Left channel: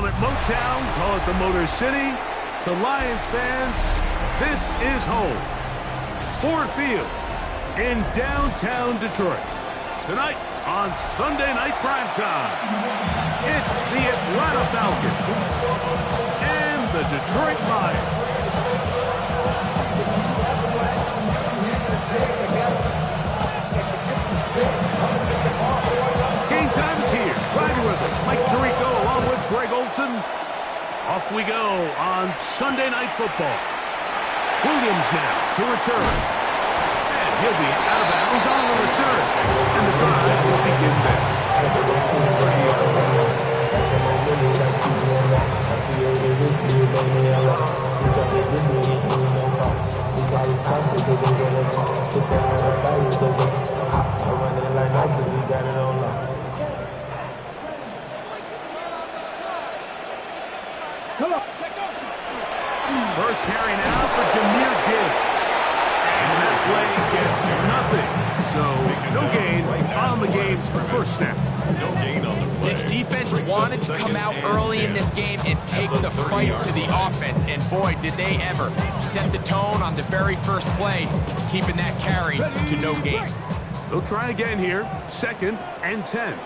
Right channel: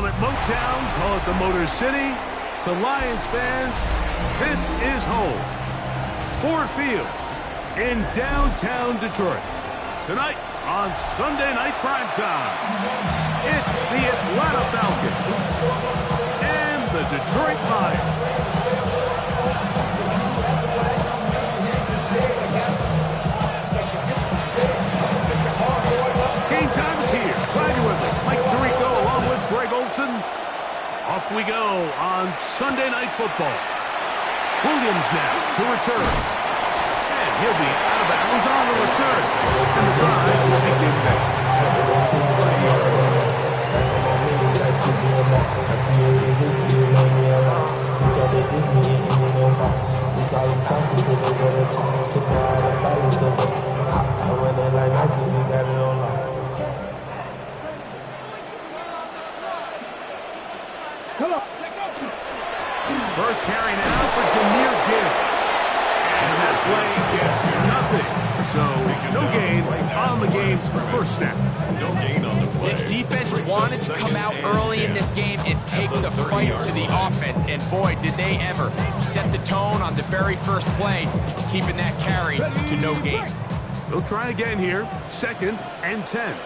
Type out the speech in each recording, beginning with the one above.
Call it Motown, call it the Motor City. To Lions fans, this is home. Ford Field in downtown Detroit. Tonight on Sunday Night Primetime, it's the Atlanta Falcons and the Detroit Lions. Game time is here. Glad you're with us. Mike Tirico along with Greg Olson. Off we go on Sunday Night Football. Williams now to return. And he'll be out of bounds on the return. And the drive will begin there. First carry now for Jahmyr Gibbs. And that play gets nothing. So no gain on the game's first snap. No gain on the play. This defense wanted to come out early in this game and take the fight to the offense. And boy, did they ever set the tone on the very first play, keeping that carry to no gain. They'll try again here. 2nd and 10.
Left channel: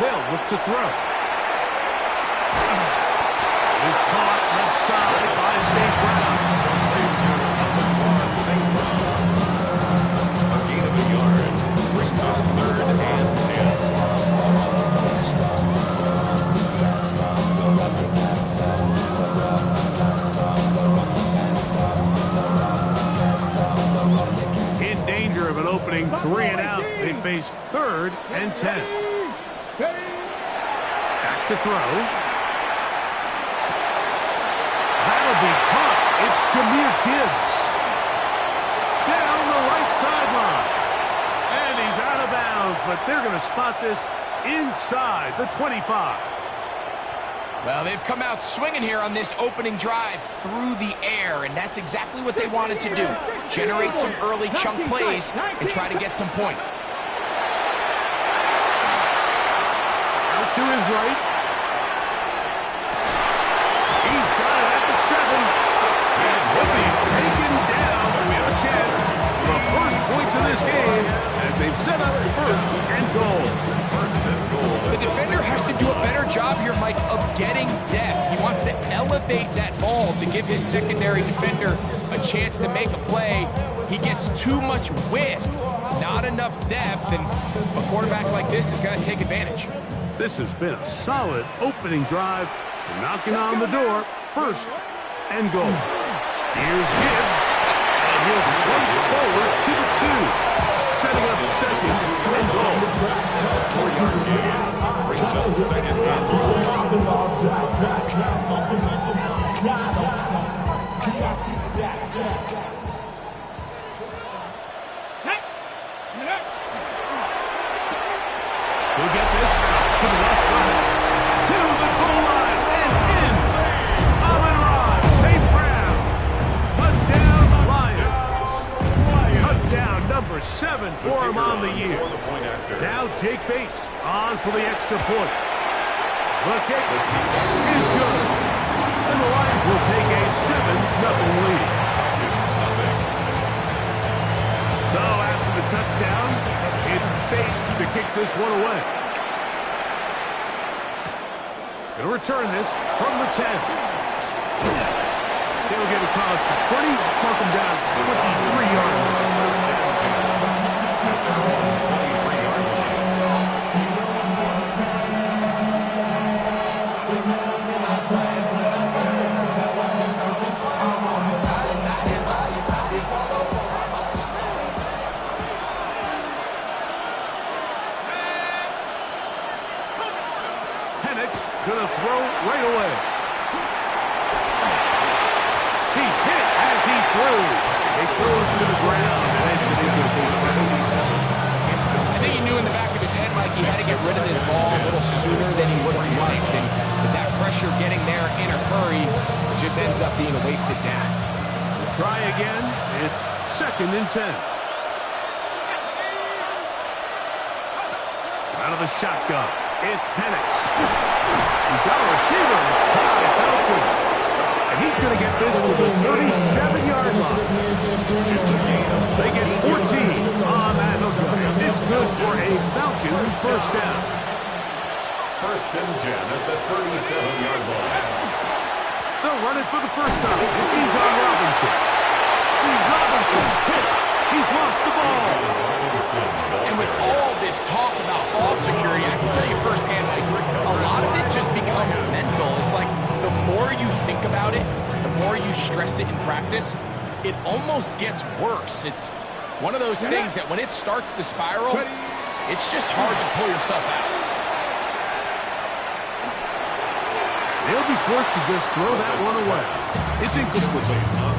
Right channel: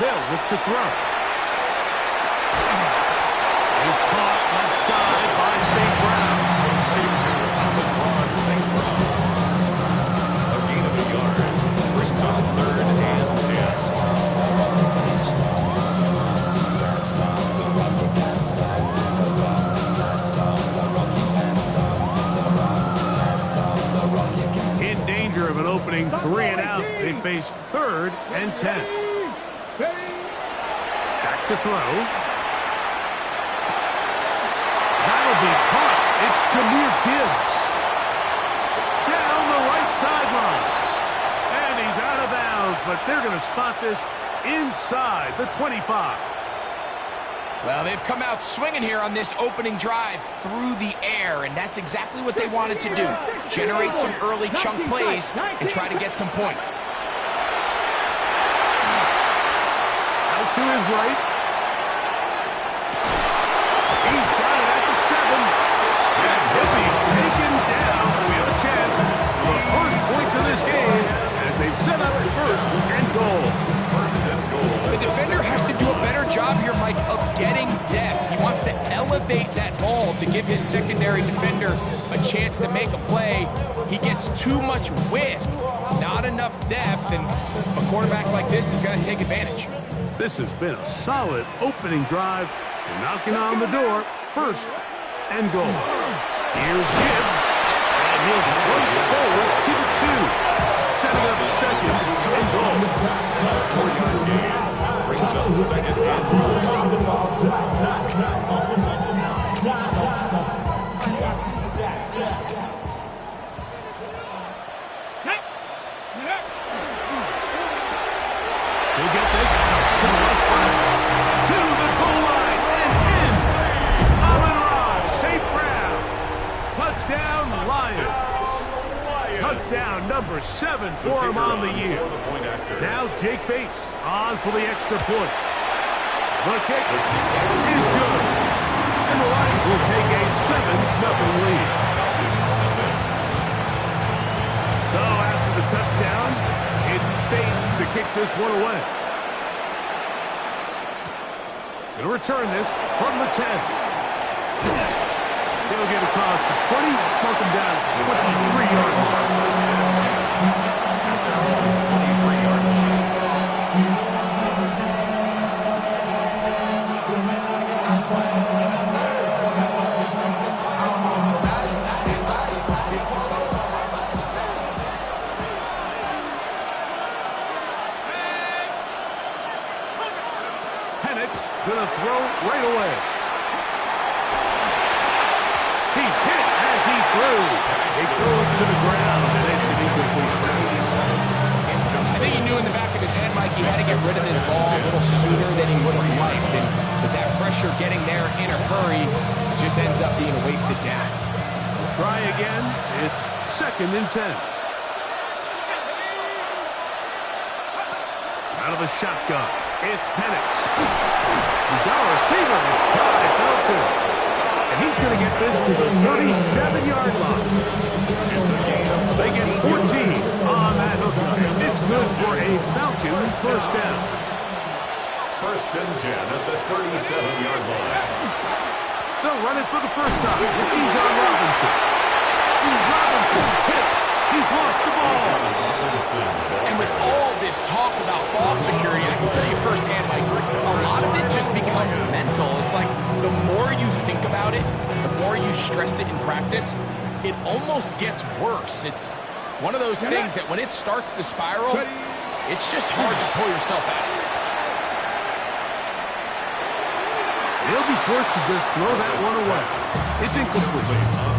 They'll look to throw. Is caught left side by St. Brown. St. Brown. A gain of a yard. Brings up 3rd and 10. In danger of an opening 3 and out. They face 3rd and 10. Back to throw. That'll be caught. It's Jahmyr Gibbs. Down the right sideline. And he's out of bounds, but they're going to spot this inside the 25. Well, they've come out swinging here on this opening drive through the air, and that's exactly what they wanted to do. Generate some early chunk plays and try to get some points. Out to his right. He's got it at the 7. And he'll be taken down. We have a chance for the first points of this game as they've set up 1st and goal. The defender has to do a better job here, Mike, of getting depth. He wants to elevate that ball to give his secondary defender a chance to make a play. He gets too much width, not enough depth, and a quarterback like this is going to take advantage. This has been a solid opening drive. Knocking on the door, 1st and goal. Here's Gibbs, and he'll plunge forward to the 2. Setting up 2nd and goal. 4-yard gain. Brings up 2nd and He'll get this out to the left side. To the goal line and in. St. Brown. Touchdown, Lions. Touchdown number 7 for him on the year. Now Jake Bates on for the extra point. The kick is good. And the Lions will take a 7-0 lead. So after the touchdown, it's Bates to kick this one away. Going to return this from the 10. They'll get across the 20, mark them down 23-yard line. 23-yard line. Penix gonna throw right away. He's hit as he threw. It goes to the ground, and it's an incomplete pass. I think he knew in the back of his head, Mike, he had to get rid of this ball a little sooner than he would have liked. And with that pressure getting there in a hurry, it just ends up being a wasted down. We'll try again. It's 2nd and 10. Out of the shotgun. It's Penix. He's got a receiver. It's Ty Felton. And he's going to get this to the 37-yard line. They get 14 on that hookup. It's good for a Falcons first down. 1st and 10 at the 37-yard line. They'll run it for the first time. He's on Robinson. Robinson hit. He's lost the ball. And with all this talk about ball security, I can tell you firsthand, Mike, a lot of it just becomes mental. It's like the more you think about it, the more you stress it in practice, it almost gets worse. It's one of those things that when it starts to spiral, it's just hard to pull yourself out. They'll be forced to just throw that one away. It's incomplete.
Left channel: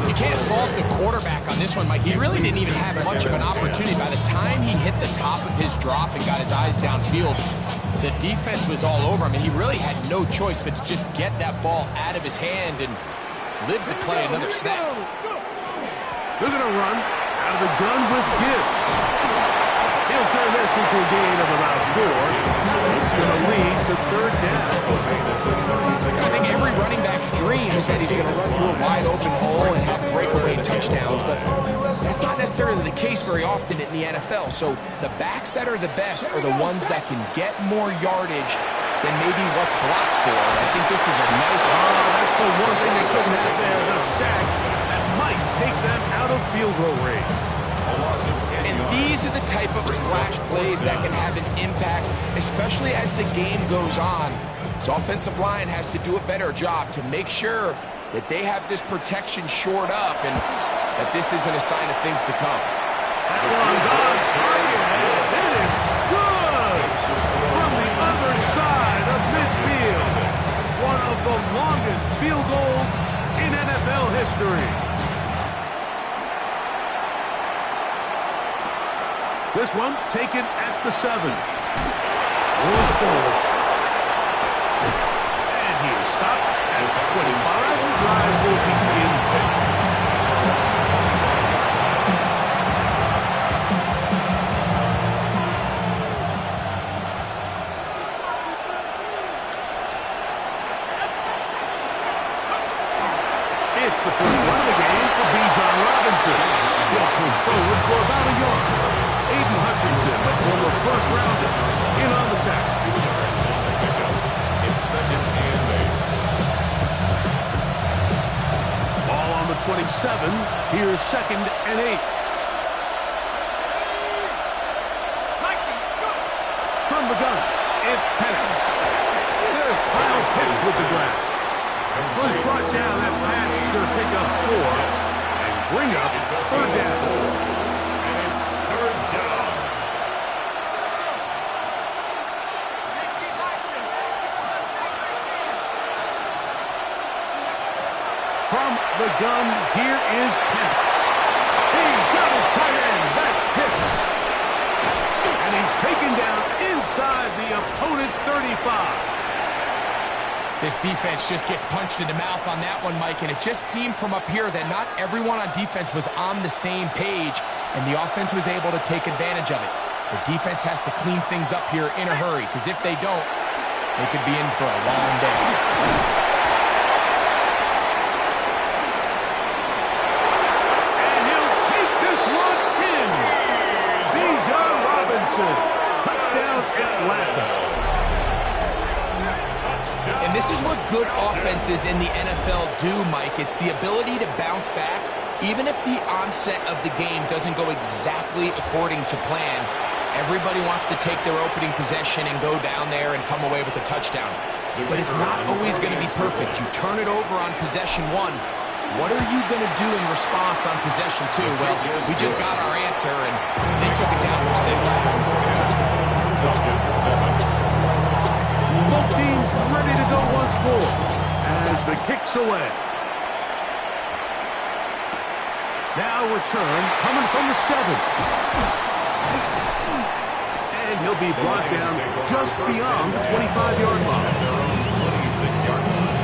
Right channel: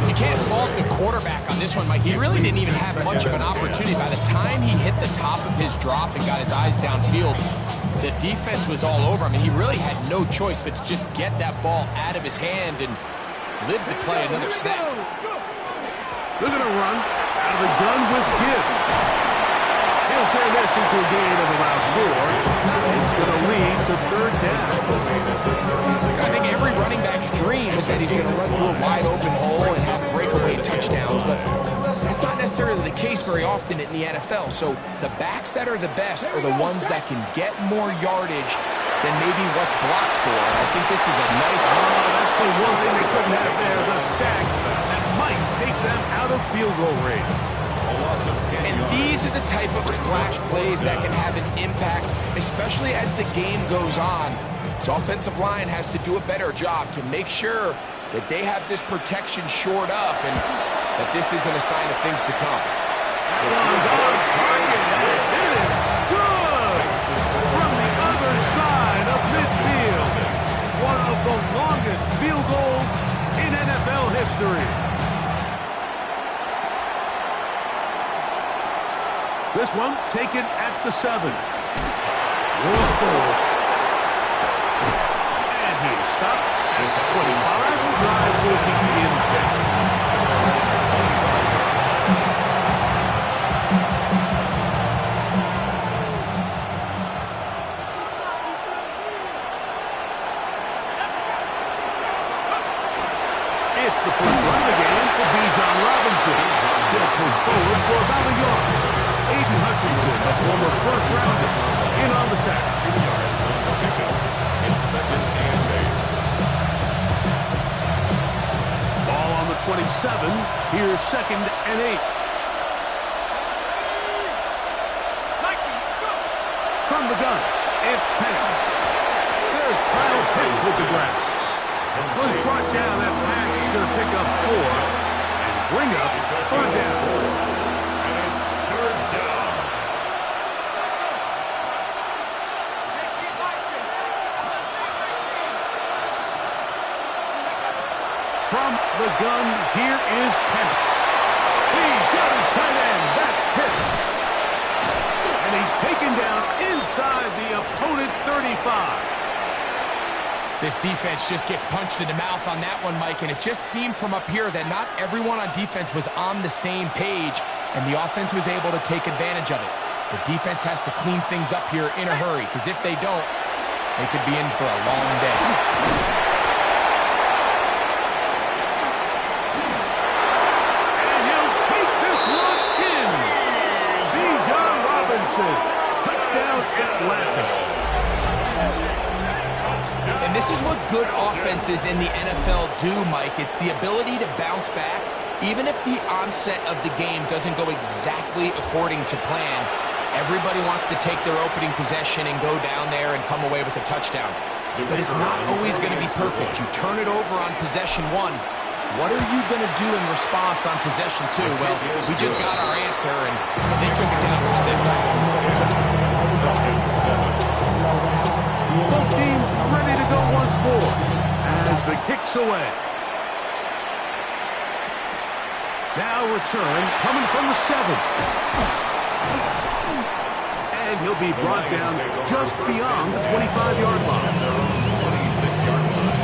You can't fault the quarterback on this one, Mike. He really didn't even have much of an opportunity. By the time he hit the top of his drop and got his eyes downfield, the defense was all over him, and he really had no choice but to just get that ball out of his hand and live to play another snap. They're going to run out of the gun with Gibbs. He'll turn this into a gain of about 4. It's going to lead to 3rd down. I think every running back's dream is that he's going to run through a wide-open hole and have breakaway touchdowns, but that's not necessarily the case very often in the NFL. So the backs that are the best are the ones that can get more yardage than maybe what's blocked for. And I think this is a nice... that's the one thing they couldn't have there, the sacks that might take them out of field goal range. And these are the type of splash plays that can have an impact, especially as the game goes on. So offensive line has to do a better job to make sure that they have this protection shored up and that this isn't a sign of things to come. That one's on target, and it is good! From the other side of midfield. One of the longest field goals in NFL history. This one taken at the 7. Whoa. And he is stopped at the 25. The drive will begin pick. It's the first run of the game for Bijan Robinson. He'll push forward for about a yard. Aiden Hutchinson, the former first-rounder, in on the tackle. 2 yards on the pickup. It's 2nd and 8. Ball on the 27. Here's 2nd and 8. From the gun, it's Penix. There's Kyle Pitts with the grab. Was brought down. That pass is going to pick up 4 and bring up 3rd down. From the gun, here is Penix. He's got his tight end. That's Pitts. And he's taken down inside the opponent's 35. This defense just gets punched in the mouth on that one, Mike, and it just seemed from up here that not everyone on defense was on the same page, and the offense was able to take advantage of it. The defense has to clean things up here in a hurry, because if they don't, they could be in for a long day. Touchdown, Atlanta. And this is what good offenses in the NFL do, Mike. It's the ability to bounce back, even if the onset of the game doesn't go exactly according to plan. Everybody wants to take their opening possession and go down there and come away with a touchdown. But it's not always going to be perfect. You turn it over on possession 1. What are you going to do in response on possession 2? Well, we just got our answer, and they took it down for 6. Both teams ready to go once more as the kick's away. Now return coming from the 7. And he'll be brought down just beyond the 25-yard line. At their own 26-yard line.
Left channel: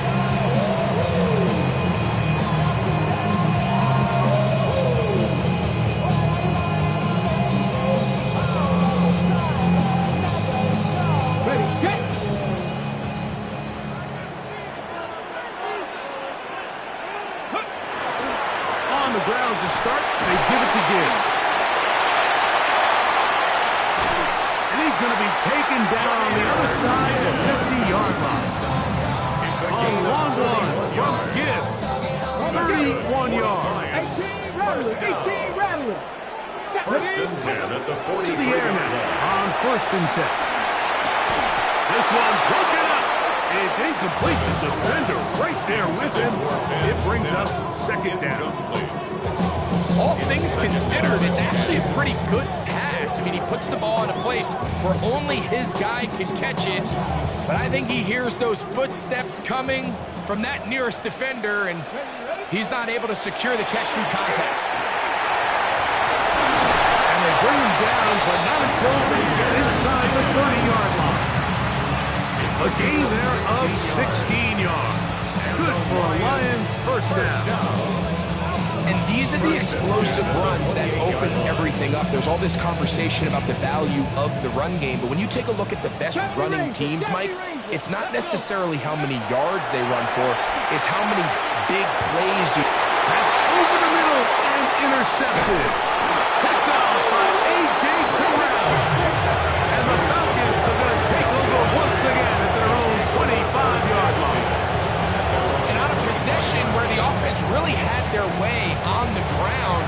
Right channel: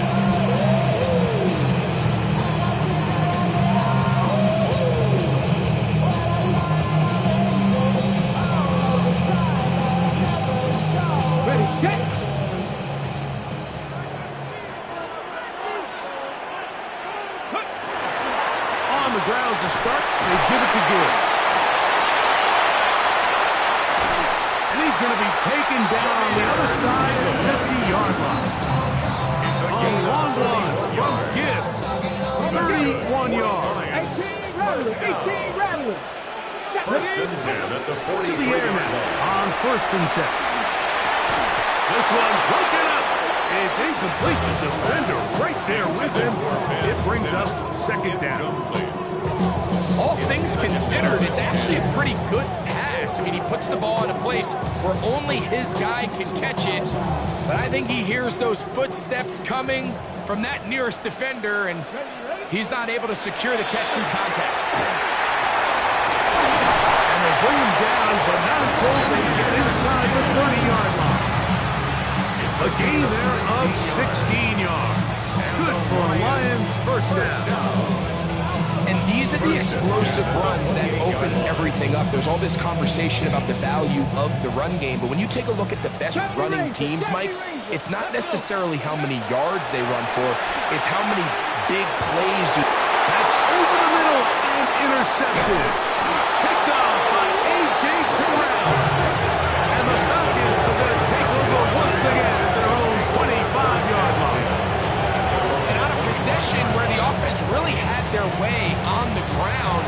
Ready, get! he's going to be taken down on the other side of the 50-yard line. A long one from Gibbs. 31 yards. 18 rattling. First and 10 at the 43 To the air now on first and 10. This one broken up. It's incomplete. The defender right there with him. It brings up second down. All things considered, it's actually a pretty good pass. I mean, he puts the ball in a place where only his guy can catch it. But I think he hears those footsteps coming from that nearest defender, and he's not able to secure the catch through contact. And they bring him down, but not until they get inside the 30-yard line. A gain there of 16 yards. Good for a Lions first down. And these are the explosive runs that open everything up. There's all this conversation about the value of the run game, but when you take a look at the best running teams, Mike, it's not necessarily how many yards they run for, it's how many big plays. That's over the middle and intercepted. Picked off by A.J. Terrell. And the Falcons are going to take over once again at their own 25-yard line. And on a possession where the offense really had their way on the ground,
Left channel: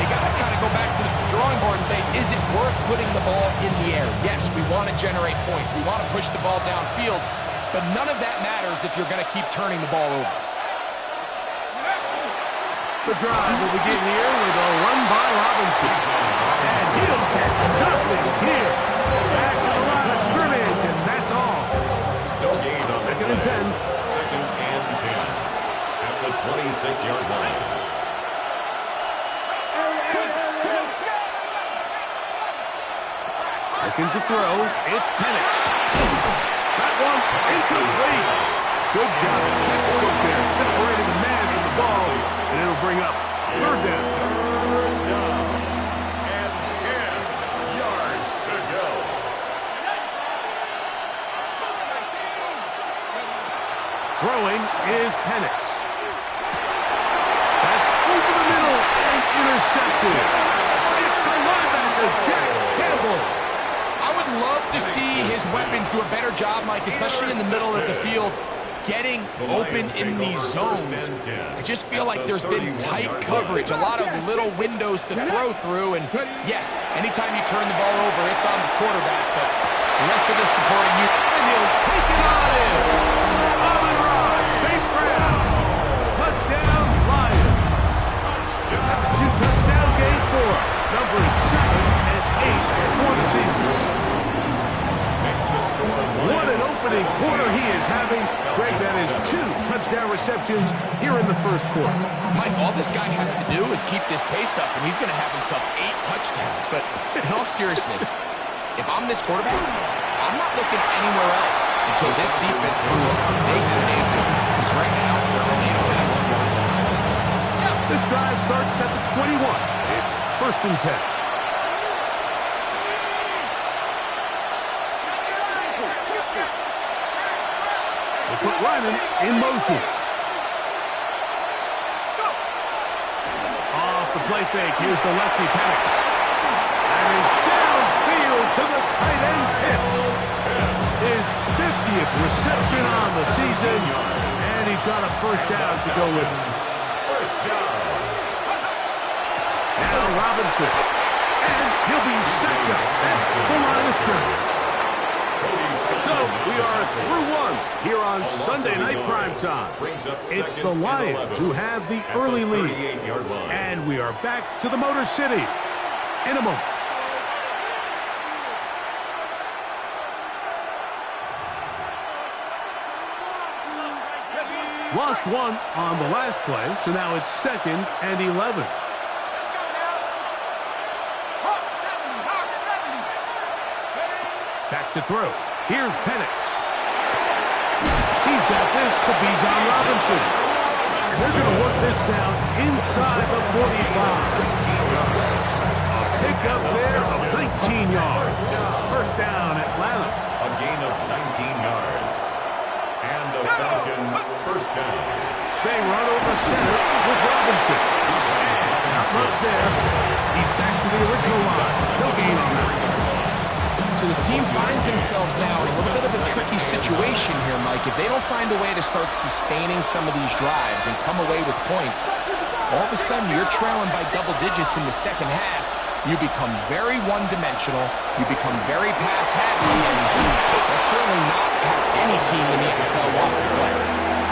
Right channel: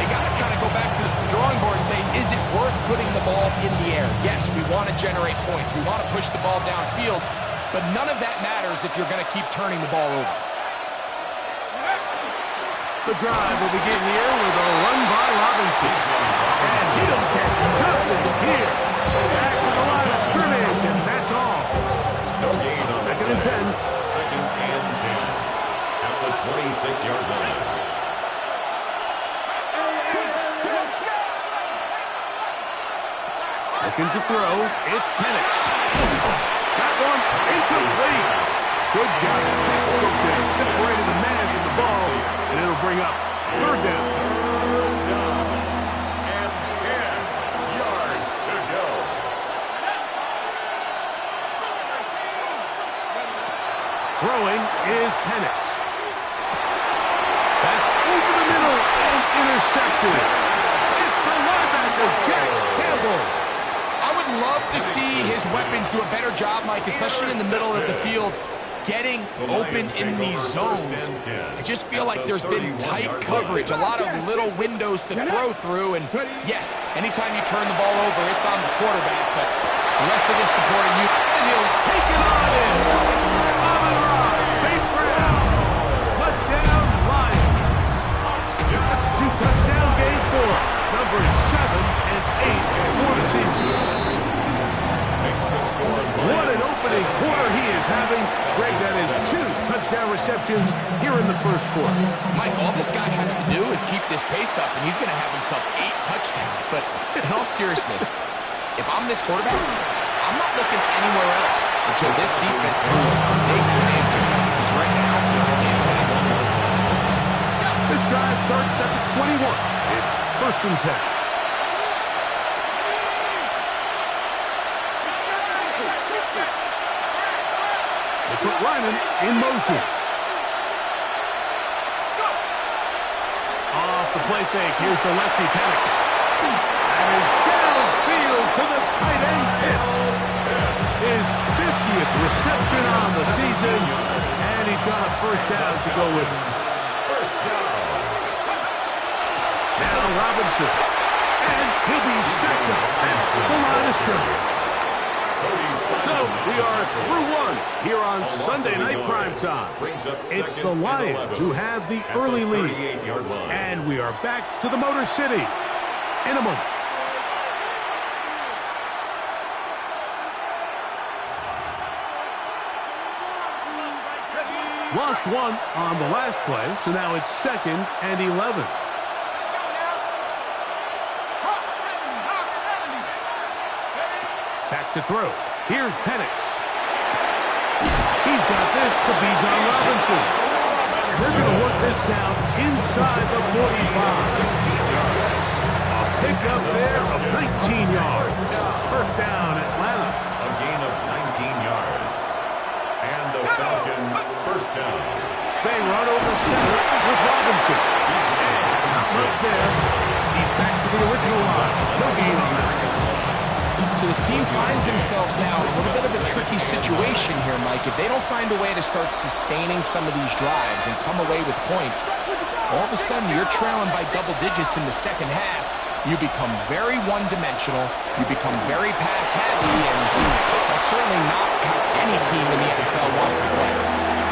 they got to kind of go back to the drawing board and say, is it worth putting the ball in the air? Yes, we want to generate points. We want to push the ball downfield, but none of that matters if you're going to keep turning the ball over. The drive will begin here with a run by Robinson. And he'll get nothing here. Back to the line of scrimmage, and that's all. No gain on Second and 10. Second and 10 at the 26-yard line. Looking to throw. It's Penix. That one incomplete. Good job. Textbook there. Separated the man from the ball, and it'll bring up third down. Third down and 10 yards to go. Throwing is Penix. That's over the middle and intercepted. It's the linebacker, Jack Campbell. I would love to see his weapons do a better job, Mike, especially in the middle of the field, getting open in these zones. I just feel like there's been tight coverage, a lot of little windows to throw through, and yes, anytime you turn the ball over, it's on the quarterback, but the rest of the supporting you. And he'll take it on in. Amon-Ra, safe ground. Touchdown, Lions. That's a two-touchdown game for him. Numbers 7 and 8 for the season. What an opening quarter he is having. Greg, that is 2 touchdown receptions here in the first quarter. Mike, all this guy has to do is keep this pace up, and he's going to have himself 8 touchdowns. But in all seriousness, if I'm this quarterback, I'm not looking anywhere else until this defense proves they have an answer. Because right now, they don't have one. This drive starts at the 21. It's first and 10. They put Ryman in motion. Off the play fake, here's the lefty Penix. And is downfield to the tight end Pitts. His 50th reception on the season, and he's got a first down to go with it. First down. Now Robinson. And he'll be stacked up. That's the line of scrimmage. So we are through one here on Sunday Night Primetime. It's the Lions who have the early lead. And we are back to the Motor City in a moment. Lost one on the last play, so now it's 2nd and 11. Back to throw. Here's Penix. He's got this to Bijan Robinson. They're going to work this down inside the 45. A pickup there of 19 yards. First down, Atlanta. A gain of 19 yards. And the Falcon first down. They run over center with Robinson. And not much there. He's back to the original line. No gain on that. So this team finds themselves now in a little bit of a tricky situation here, Mike. If they don't find a way to start sustaining some of these drives and come away with points, all of a sudden you're trailing by double digits in the second half. You become very one-dimensional, you become very pass-heavy, and that's certainly not how any team in the NFL wants to play.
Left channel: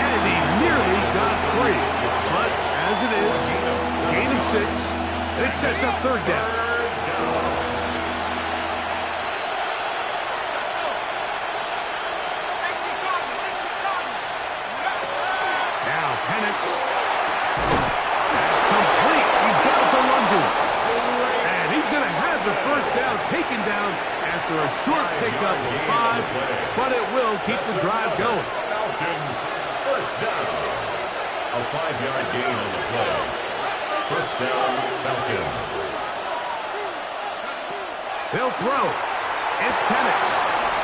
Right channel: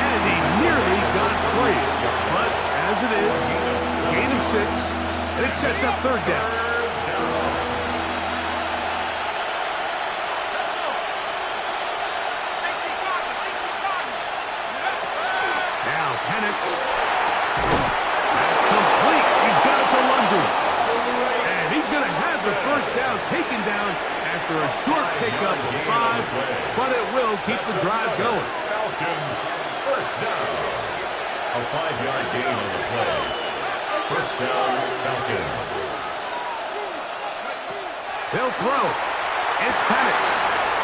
And he nearly got free. But as it is, gain of 6, and it sets up third down. Now Penix. That's complete. He's got it to London. And he's going to have the first down taken down after a short pickup of 5, but it will keep the drive going. Falcons, first down. A 5-yard gain on the play. First down, Falcons. They'll throw. It's Penix.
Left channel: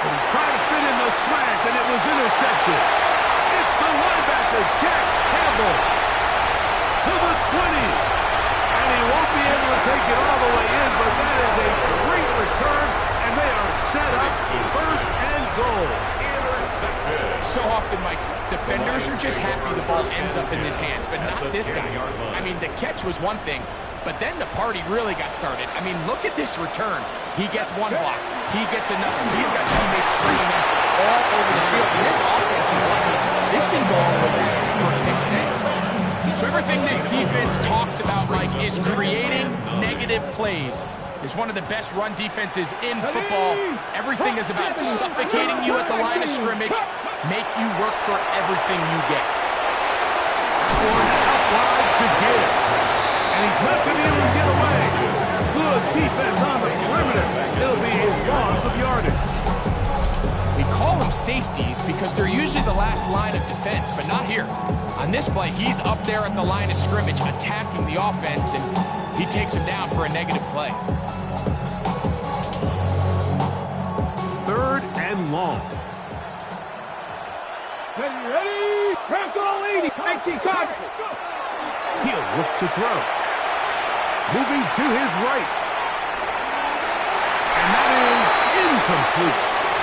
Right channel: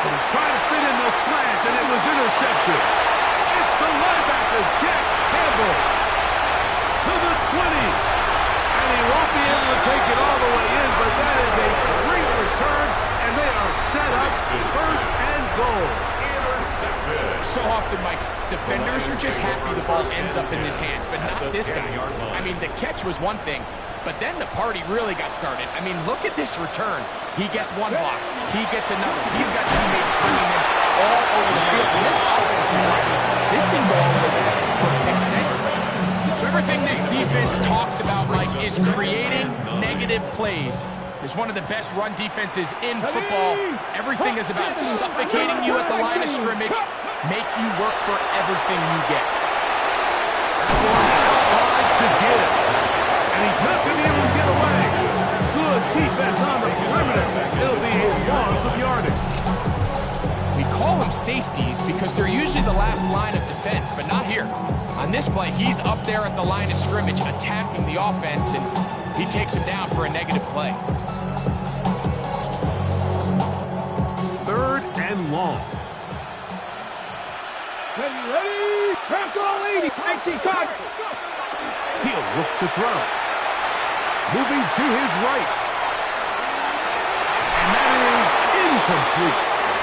But he tried to fit in the slant, and it was intercepted. It's the linebacker, Jack Campbell, to the 20. And he won't be able to take it all the way in, but that is a great return, and they are set up first and goal. Intercepted. So often, Mike, defenders are just happy the ball ends up in his hands, but not this guy. I mean, the catch was one thing, but then the party really got started. I mean, look at this return. He gets one block. He gets another. He's got teammates springing in all over the field. And this offense is lucky. This thing go all the way back for a pick 6. So everything this defense talks about, Mike, is creating negative plays. It's one of the best run defenses in football. Everything is about suffocating you at the line of scrimmage, make you work for everything you get. That one out wide to Gibbs. And he's not going to be able to get away. Good defense on the perimeter. It'll be a loss of yardage. We call them safeties because they're usually the last line of defense, but not here. On this play, he's up there at the line of scrimmage attacking the offense, and he takes him down for a negative play. Third and long. Ready, crack all 80, 19 card. He'll look to throw. Moving to his right. And that is incomplete.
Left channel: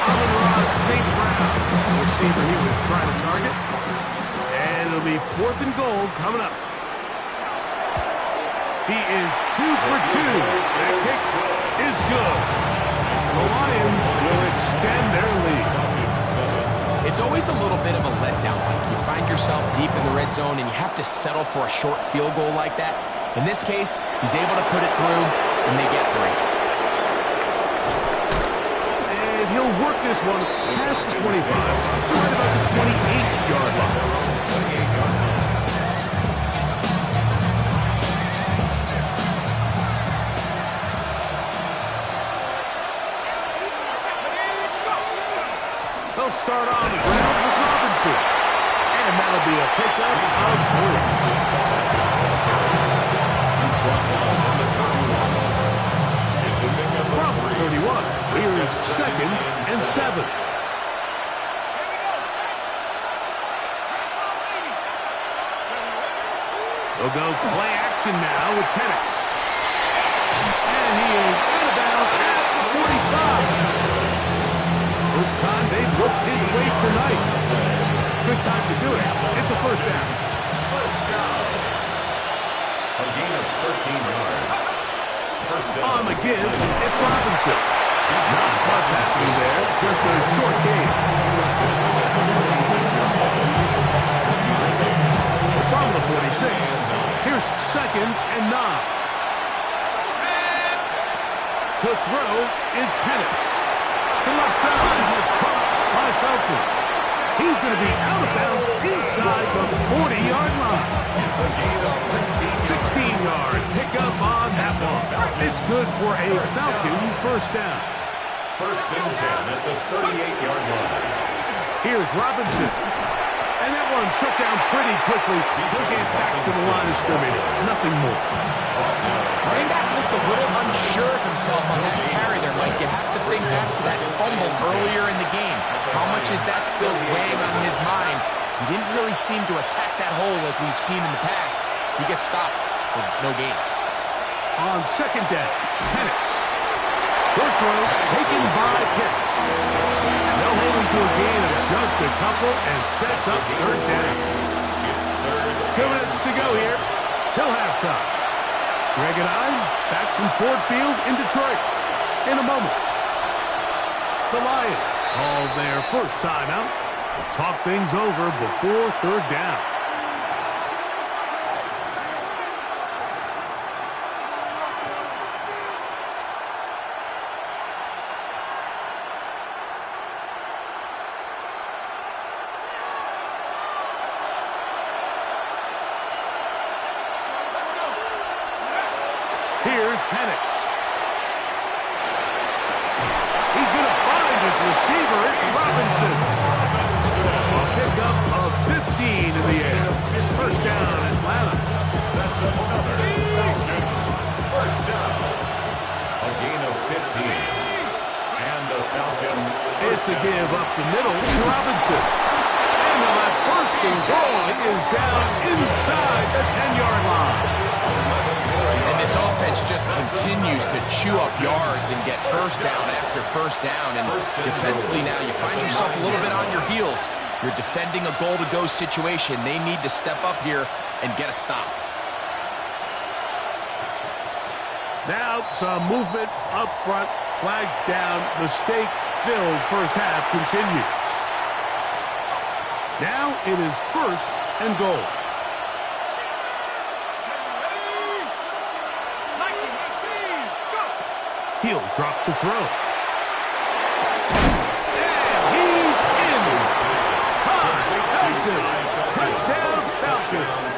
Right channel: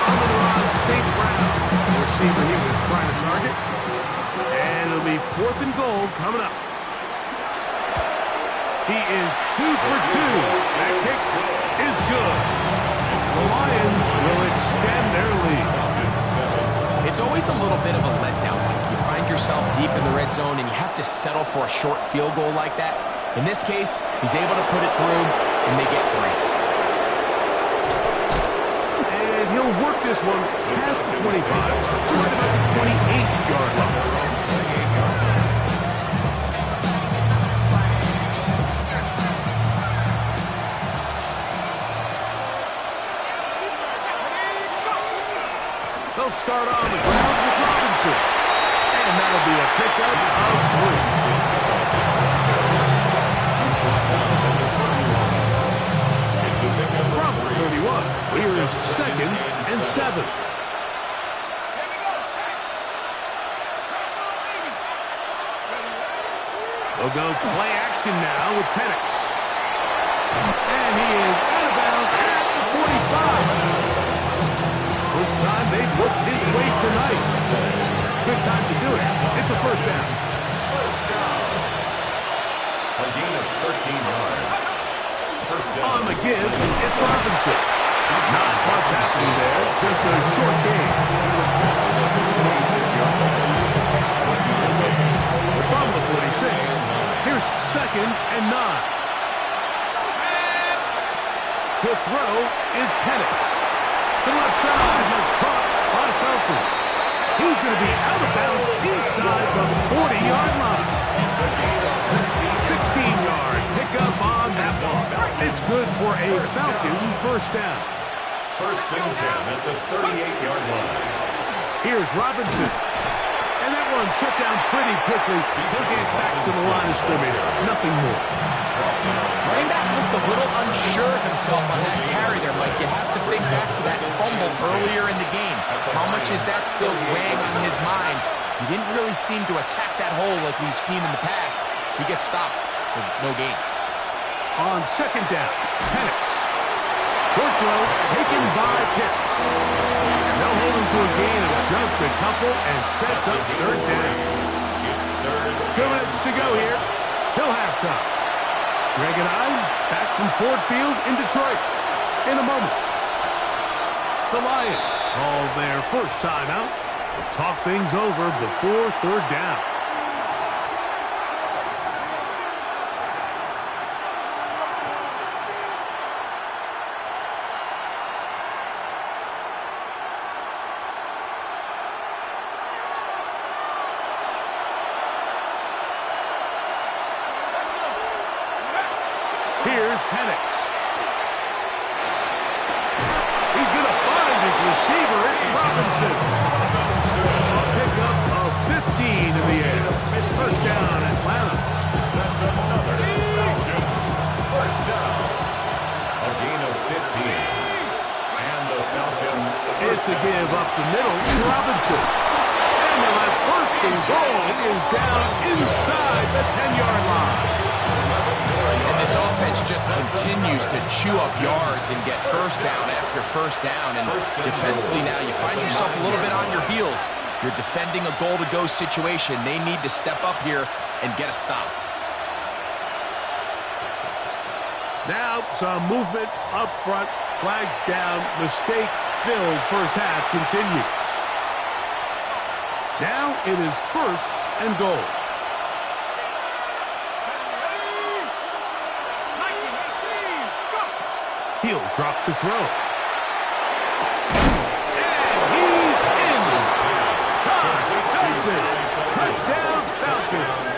Amon-Ra St. Brown, the receiver he was trying to target. And it'll be 4th and goal coming up. He is 2 for 2. That kick is good. The Lions will extend their lead. It's always a little bit of a letdown, Mike. You find yourself deep in the red zone and you have to settle for a short field goal like that. In this case, he's able to put it through, and they get 3. And he'll work this one past the 25 to right about the 28-yard line. They'll start on the ground with Robinson. And that'll be a pickup of 3. He's brought down at the 31. It's a pickup From of 3. 31, here's 2nd and 7. They'll go play action now with Penix. And he is out of bounds at the 45. First time they've looked his way tonight. Good time to do it. It's a first down. First down. A gain of 13 yards. First down. On the give, it's Robinson. Not much happening there, just a short gain. From the 46, here's 2nd and 9. To throw is Penix. To the left side, it's caught by Felton. He's going to be out of bounds inside the 40-yard line. 16-yard pickup on that one. It's good for a Falcon first down. First and 10 at the 38-yard line. Here's Robinson. And that one shut down pretty quickly. He'll get back to the line of scrimmage. Nothing more. Running back looked a little unsure of himself on that carry there, Mike. You have to think back to that fumble earlier in the game. How much is that still weighing on his mind? He didn't really seem to attack that hole like we've seen in the past. He gets stopped for no gain. On 2nd down, Penix. Short throw taken by Pitts. And they'll hold him to a gain of just a couple and sets up third down. It's third. 2 minutes to go here till halftime. Greg and I back from Ford Field in Detroit in a moment. The Lions call their first timeout. We'll talk things over before third down. Here's Penix. He's going to find his receiver. It's Robinson. A pickup of 15 in the air. First down, Atlanta. That's another Falcons first down. A gain of 15. And the Falcons. It's a give up the middle to Robinson. And they'll have first and goal. He is down inside the 10-yard line. And this offense just continues to chew up yards and get first down after first down. And defensively now, you find yourself a little bit on your heels. You're defending a goal-to-go situation. They need to step up here and get a stop. Now some movement up front. Flags down. Mistake-filled first half continues. Now it is first and goal. He'll drop to throw. And he's in. Touchdown, Falcons.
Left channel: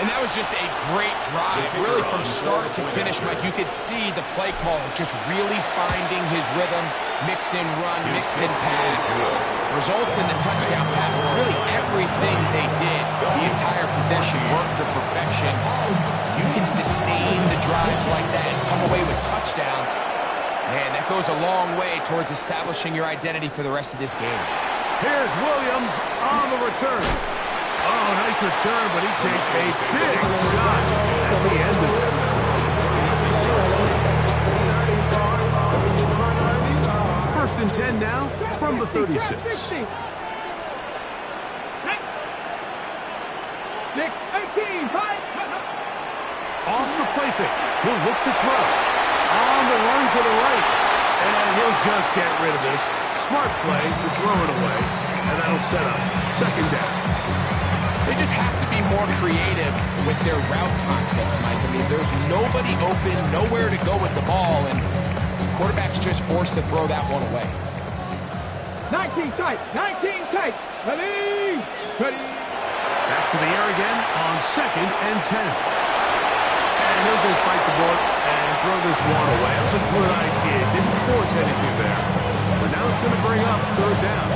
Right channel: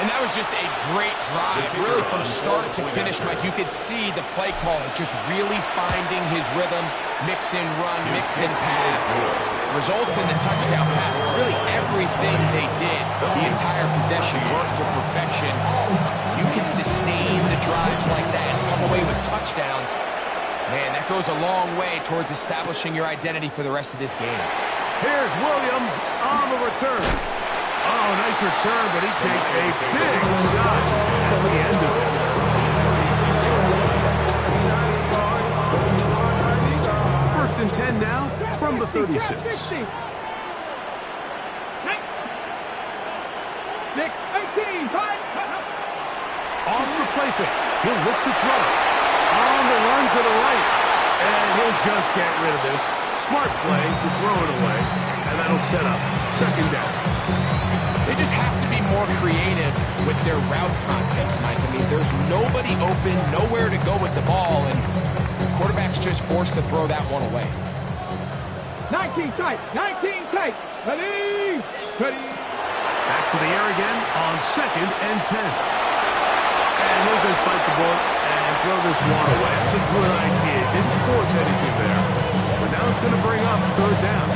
And that was just a great drive, really from start to finish, Mike. You could see the play caller just really finding his rhythm, mix and run, mix and pass. Results in the touchdown pass. Really everything they did, the entire possession worked to perfection. You can sustain the drives like that and come away with touchdowns. Man, that goes a long way towards establishing your identity for the rest of this game. Here's Williams on the return. Oh, nice return, but he takes a big shot at the end of it. First and 10 now from the 36. 6, 18, 5. Off the play fake. He'll look to throw. On the run to the right. And he'll just get rid of this. Smart play to throw it away. And that'll set up second down. They just have to be more creative with their route concepts, Mike. I mean, there's nobody open, nowhere to go with the ball, and the quarterback's just forced to throw that one away. 19 tight, 19 tight. Ready, ready. Back to the air again on second and 10. And he'll just bite the bullet and throw this one away. That's a good idea. Didn't force anything there. But now it's going to bring up third down.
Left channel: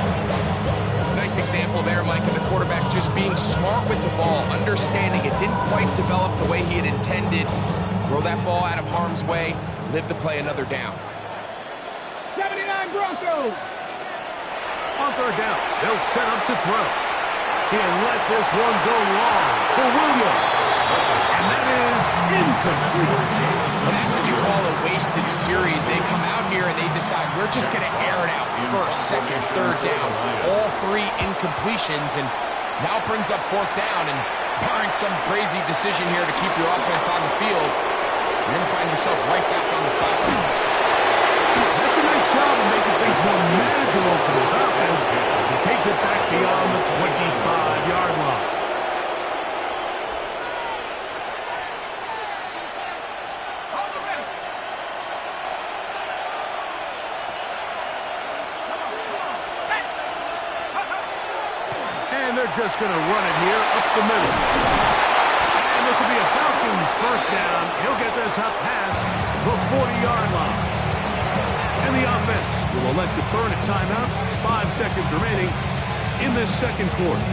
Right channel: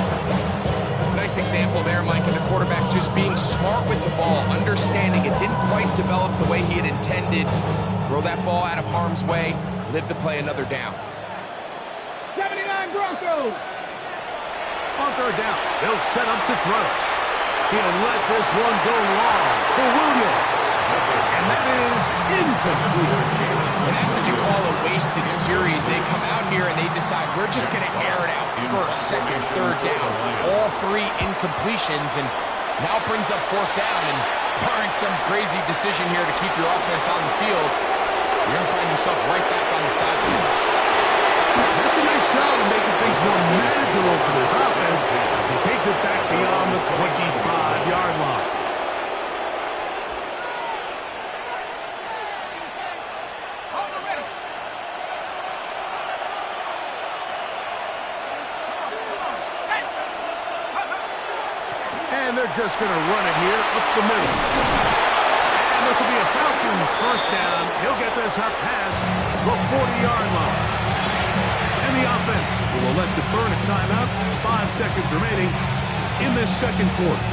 Nice example there, Mike, of the quarterback just being smart with the ball, understanding it didn't quite develop the way he had intended. Throw that ball out of harm's way, live to play another down. 79 Broncos. On third down, they'll set up to throw. He'll let this one go long for Williams. And that is incomplete. And that's what you call a wasted series. They come out here and they decide, we're just going to air it out first, second, third down. All three incompletions, and now brings up fourth down. And barring some crazy decision here to keep your offense on the field, you're going to find yourself right back on the sideline. That's a nice job of making things more manageable for this offense as he takes it back beyond the 25-yard line. And they're just going to run it here up the middle. And this will be a Falcons first down. He'll get this up past the 40-yard line. And the offense will elect to burn a timeout. 5 seconds remaining in this second quarter.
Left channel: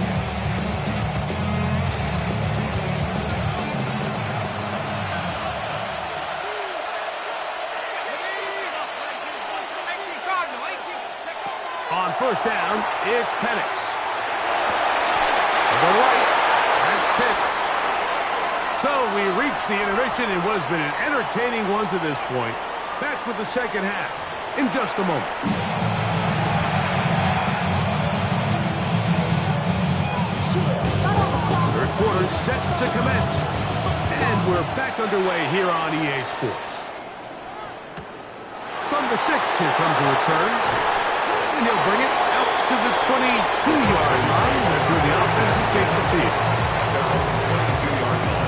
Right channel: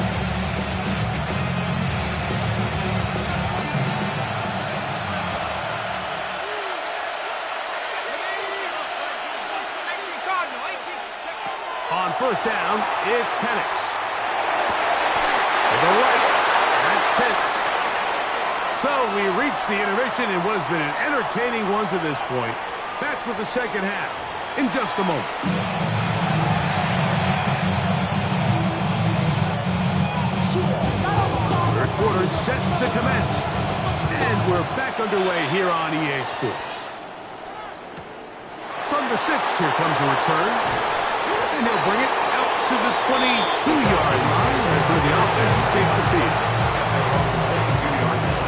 On first down, it's Penix. To the right, that's Pitts. So we reach the intermission in what has been an entertaining one to this point. Back with the second half in just a moment. Third quarter set to commence. And we're back underway here on EA Sports. From the 6, here comes a return. And he'll bring it out to the 22-yard line. That's where the offense will take the field. At their own 22-yard line.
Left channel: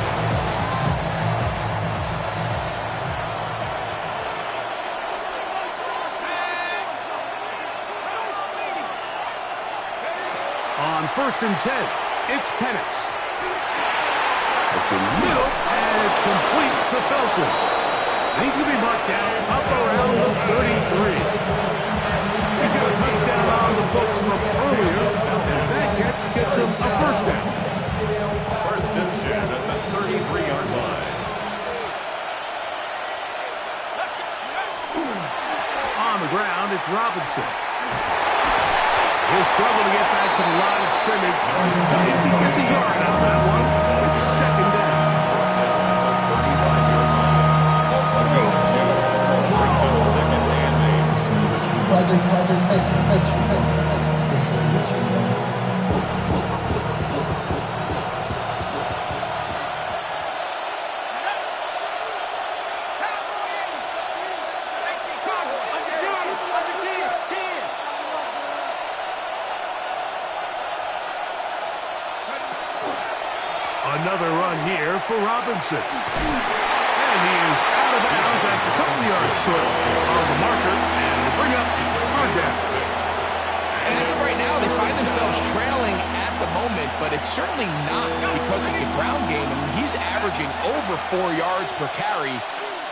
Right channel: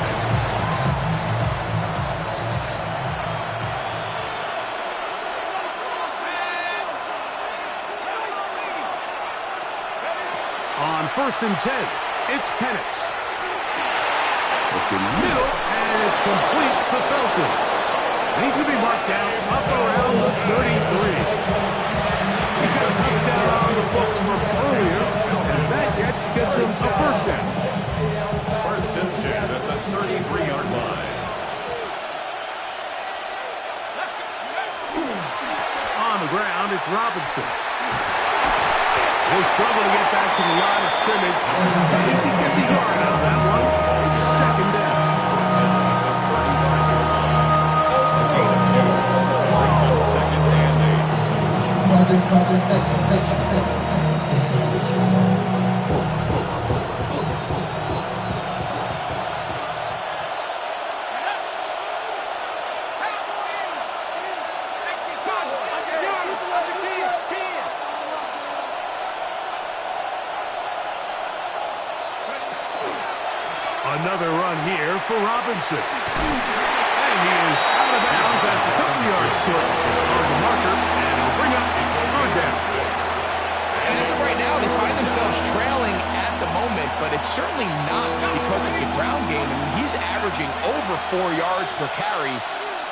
On 1st and 10, it's Penix. Up the middle, and it's complete to Felton. And he's going to be marked down up around the 33. He's got a touchdown on the books from earlier, and that catch gets him a first down. 1st and 10 at the 33-yard line. On the ground, it's Robinson. He'll struggle to get back to the line of scrimmage. If he gets a yard out of that one, it's second down. At the 35-yard line. A gain of 2. Brings up 2nd and 8. Project, this is what you want. Another run here for Robinson. And he is out of bounds. That's a couple yards short of the marker. And it'll bring up third down. And as of right now, they find themselves trailing at the moment, but it's certainly not because of the ground game. I mean, he's averaging over 4 yards per carry.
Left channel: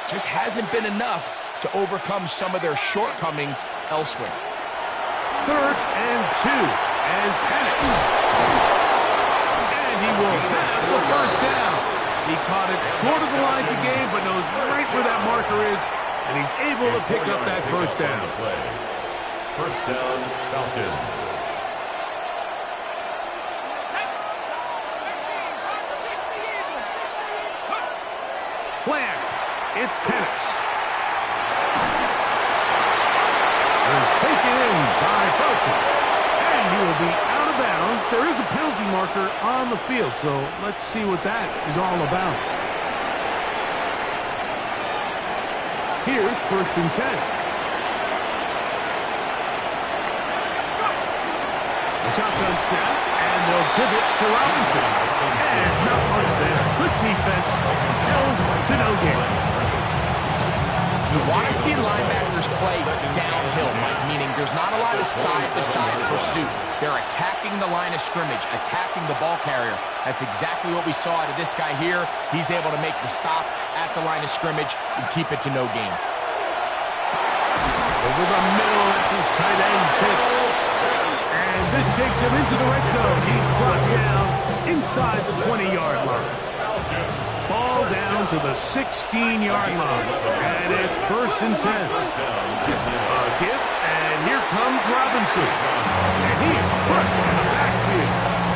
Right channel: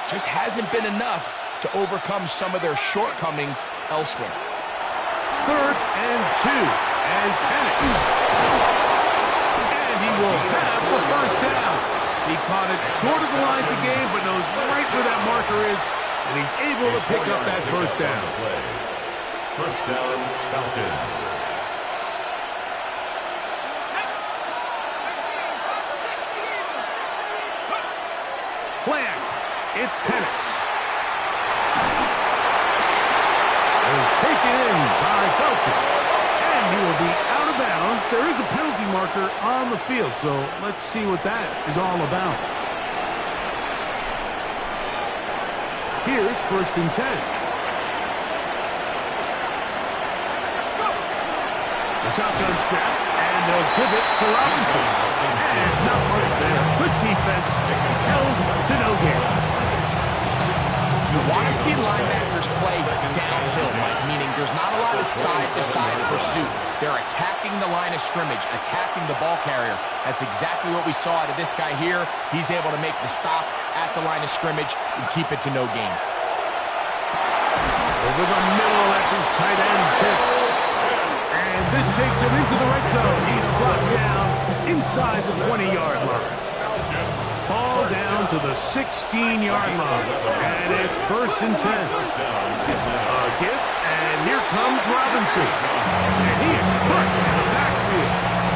Just hasn't been enough to overcome some of their shortcomings elsewhere. 3rd and 2. And Penix. He will have the first down. He caught it short of the line to gain, but knows right where that marker is, and he's able to pick up that first down. First down, Falcons. Plant. It's Penix. It is taken in by Felton. And he will be out of bounds. There is a penalty marker on the field, so let's see what that is all about. Here's 1st and 10. The shotgun snap, and they'll give it to Robinson. And not much there. Good defense, held to no gain. You want to see linebackers play downhill, Mike, meaning there's not a lot of side-to-side pursuit. They're attacking the line of scrimmage, attacking the ball carrier. That's exactly what we saw out of this guy here. He's able to make the stop at the line of scrimmage and keep it to no gain. Over the middle, that's his tight end, Pitts. And this takes him into the red zone. He's brought down inside the 20-yard line. Ball down to the 16-yard line. And it's 1st and 10. A give, and here comes Robinson. And he is crushed in the backfield.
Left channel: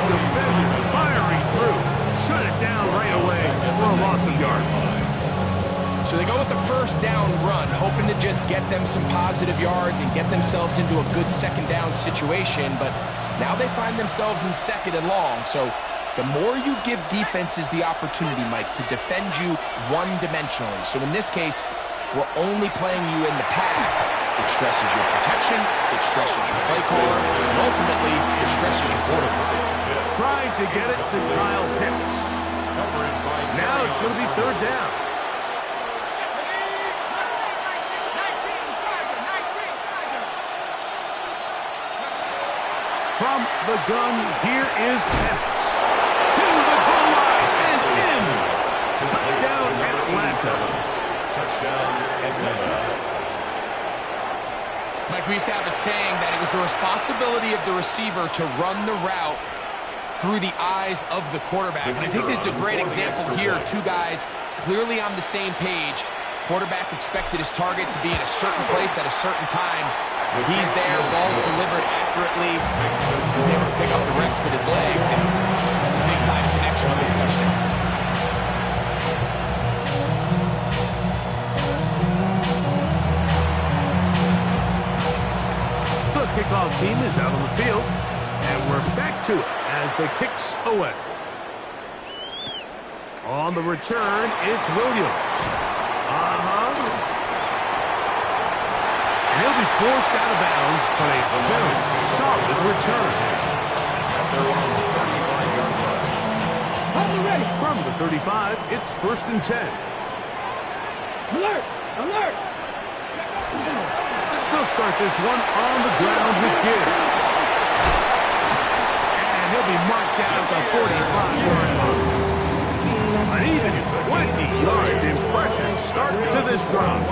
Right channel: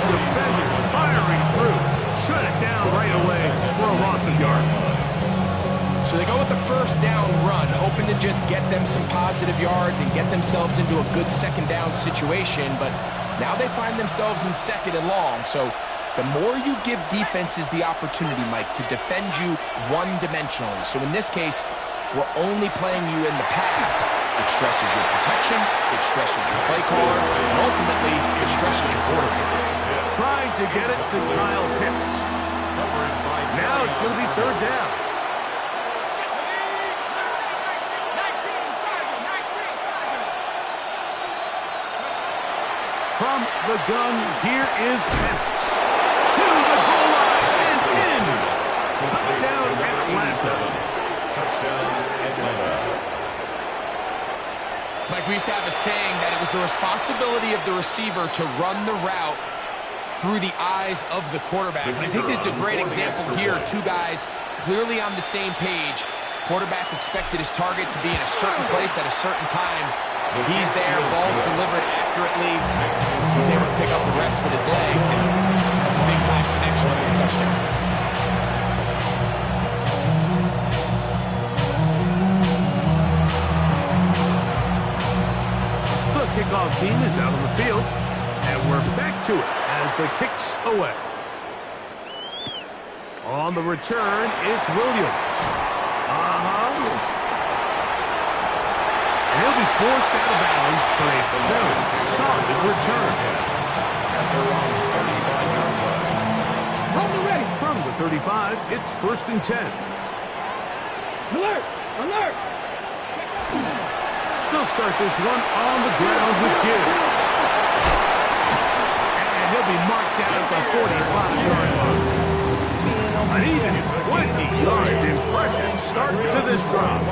Defenders firing through. Shut it down right away for a loss of yard. So they go with the first down run, hoping to just get them some positive yards and get themselves into a good second down situation. But now they find themselves in 2nd and long. So the more you give defenses the opportunity, Mike, to defend you one-dimensionally. So in this case, we're only playing you in the pass. It stresses your protection, it stresses your play caller, and ultimately, it stresses your quarterback. Trying to get it to Kyle Pitts. Now it's going to be 3rd down. From the gun, here is Penix. To the goal line and in. Touchdown, Atlanta. Touchdown, Atlanta. Mike, we used to have a saying that it was the responsibility of the receiver to run the route through the eyes of the quarterback. And I think this is a great example here. 2 guys clearly on the same page. Quarterback expected his target to be in a certain place at a certain time. He's there, ball's delivered accurately. He's able to pick up the rest with his legs, and that's a big-time connection for the touchdown. kickoff team is out on the field, and we're back to it as the kick's away. On the return, it's Williams. And he'll be forced out of bounds, but a very solid return. At their own 35-yard line. Hold the ready. From the 35, it's 1st and 10. Alert! Alert! They'll start this one on the ground with Gibbs. And he'll be marked down at the 45-yard line. An even 20 yards. Impressive start to this drive.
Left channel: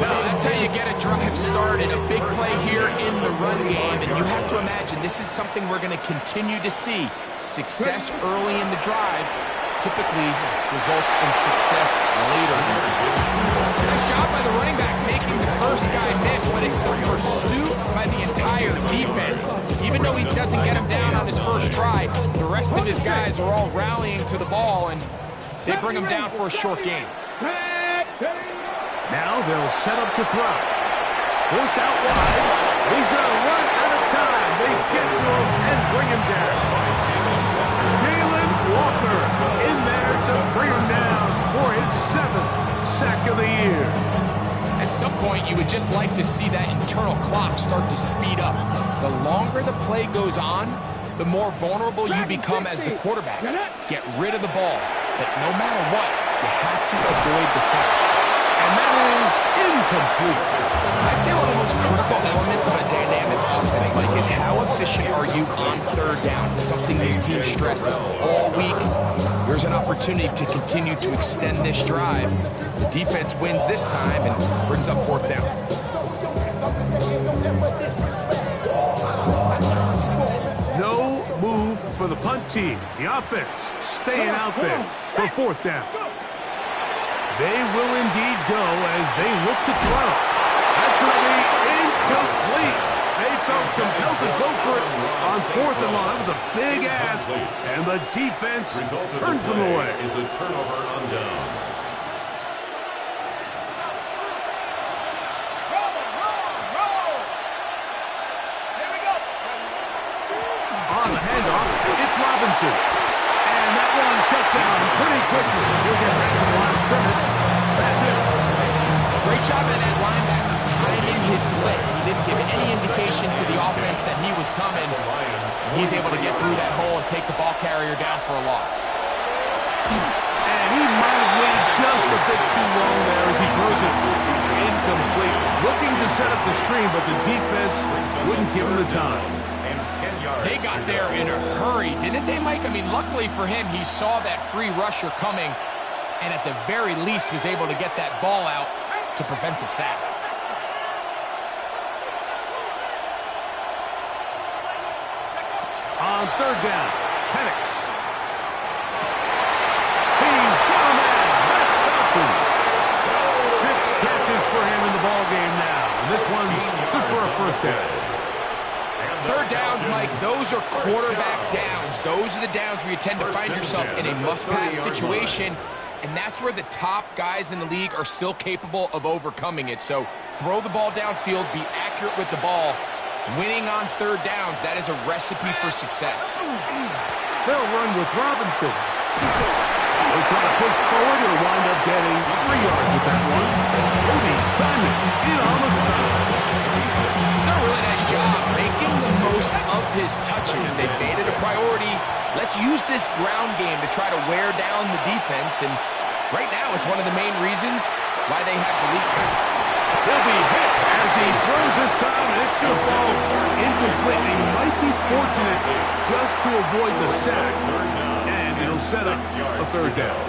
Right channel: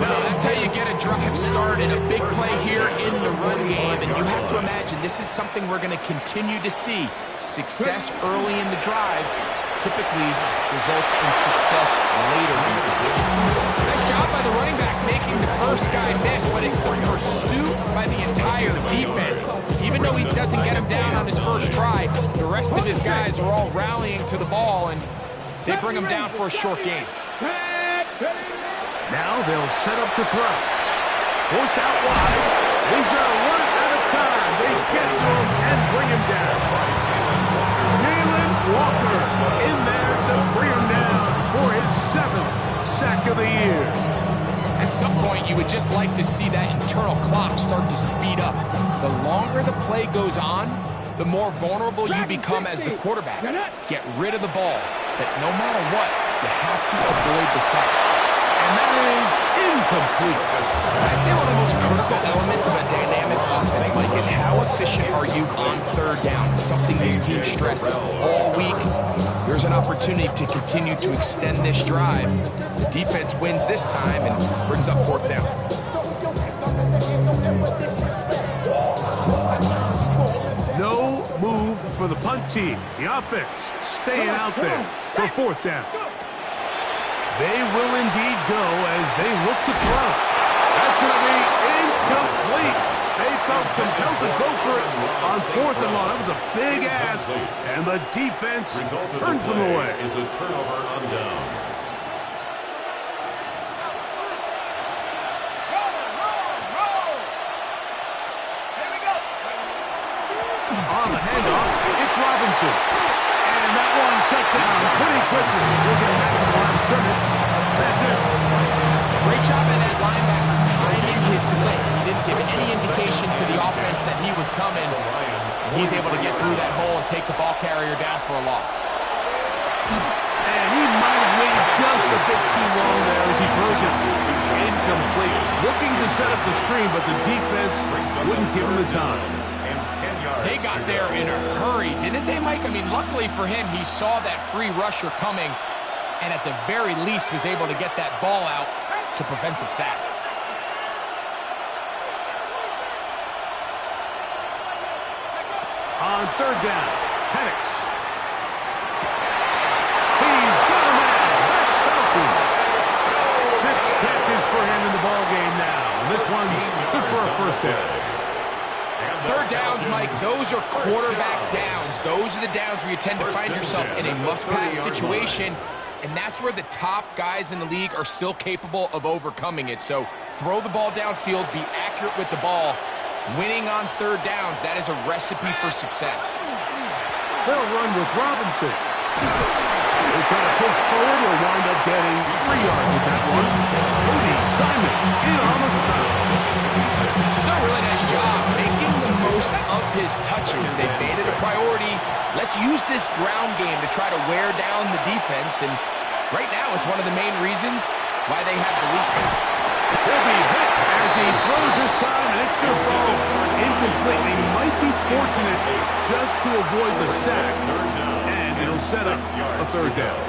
Well, that's how you get a drive started. A big play here in the run game. And you have to imagine this is something we're going to continue to see. Success early in the drive typically results in success later. Nice job by the running back making the first guy miss, but it's the pursuit by the entire defense. Even though he doesn't get him down on his first try, the rest of his guys are all rallying to the ball, and they bring him down for a short gain. Now they'll set up to throw. Forced out wide. He's going to run out of time. They get to him and bring him down. Jalen Walker in there to bring him down for his 7th sack of the year. At some point, you would just like to see that internal clock start to speed up. The longer the play goes on, the more vulnerable you become as the quarterback. Get rid of the ball, but no matter what, you have to avoid the sack. And that is incomplete. I'd say one of the most critical elements of a dynamic offense, Mike, is how efficient are you on 3rd down. It's something these teams stress all week. Here's an opportunity to continue to extend this drive. The defense wins this time and brings up 4th down. No move for the punt team. The offense staying out there for 4th down. They will indeed go as they look to throw. That's going to be incomplete. They felt compelled to go for it on 4th and long. That was a big ask, and the defense turns them away. Is a turnover on downs. Here we go. On the handoff, it's Robinson. And that one shut down pretty quickly. He'll get back to the line of scrimmage. That's it. Great job by that linebacker timing his blitz. He didn't give any indication to the offense that he was coming. He's able to get through that hole and take the ball carrier down for a loss. And he might have waited just a bit too long there as he throws it incomplete. Looking to set up the screen, but the defense wouldn't give him the time. They got there in a hurry, didn't they, Mike? I mean, luckily for him, he saw that free rusher coming and at the very least was able to get that ball out to prevent the sack. On 3rd down, Penix. He's got a man. That's Felton. 6 catches for him in the ball game now. And this one's good for a 1st down. 3rd downs, Mike, those are quarterback downs. Those are the downs where you tend to find yourself in a must-pass situation, and that's where the top guys in the league are still capable of overcoming it. So throw the ball downfield, be accurate with the ball. Winning on 3rd downs, that is a recipe for success. They'll run with Robinson. They'll try to push forward. He'll wind up getting 3 yards with that one. Cody Simon in on the stop. He's done a really nice job making the most of his touches. They've made it a priority. Let's use this ground game to try to wear down the defense, and right now it's one of the main reasons why they have the lead. He'll be hit as he throws this time, and it's going to fall incomplete. He might be fortunate just to avoid the sack, and it'll set up a 3rd down.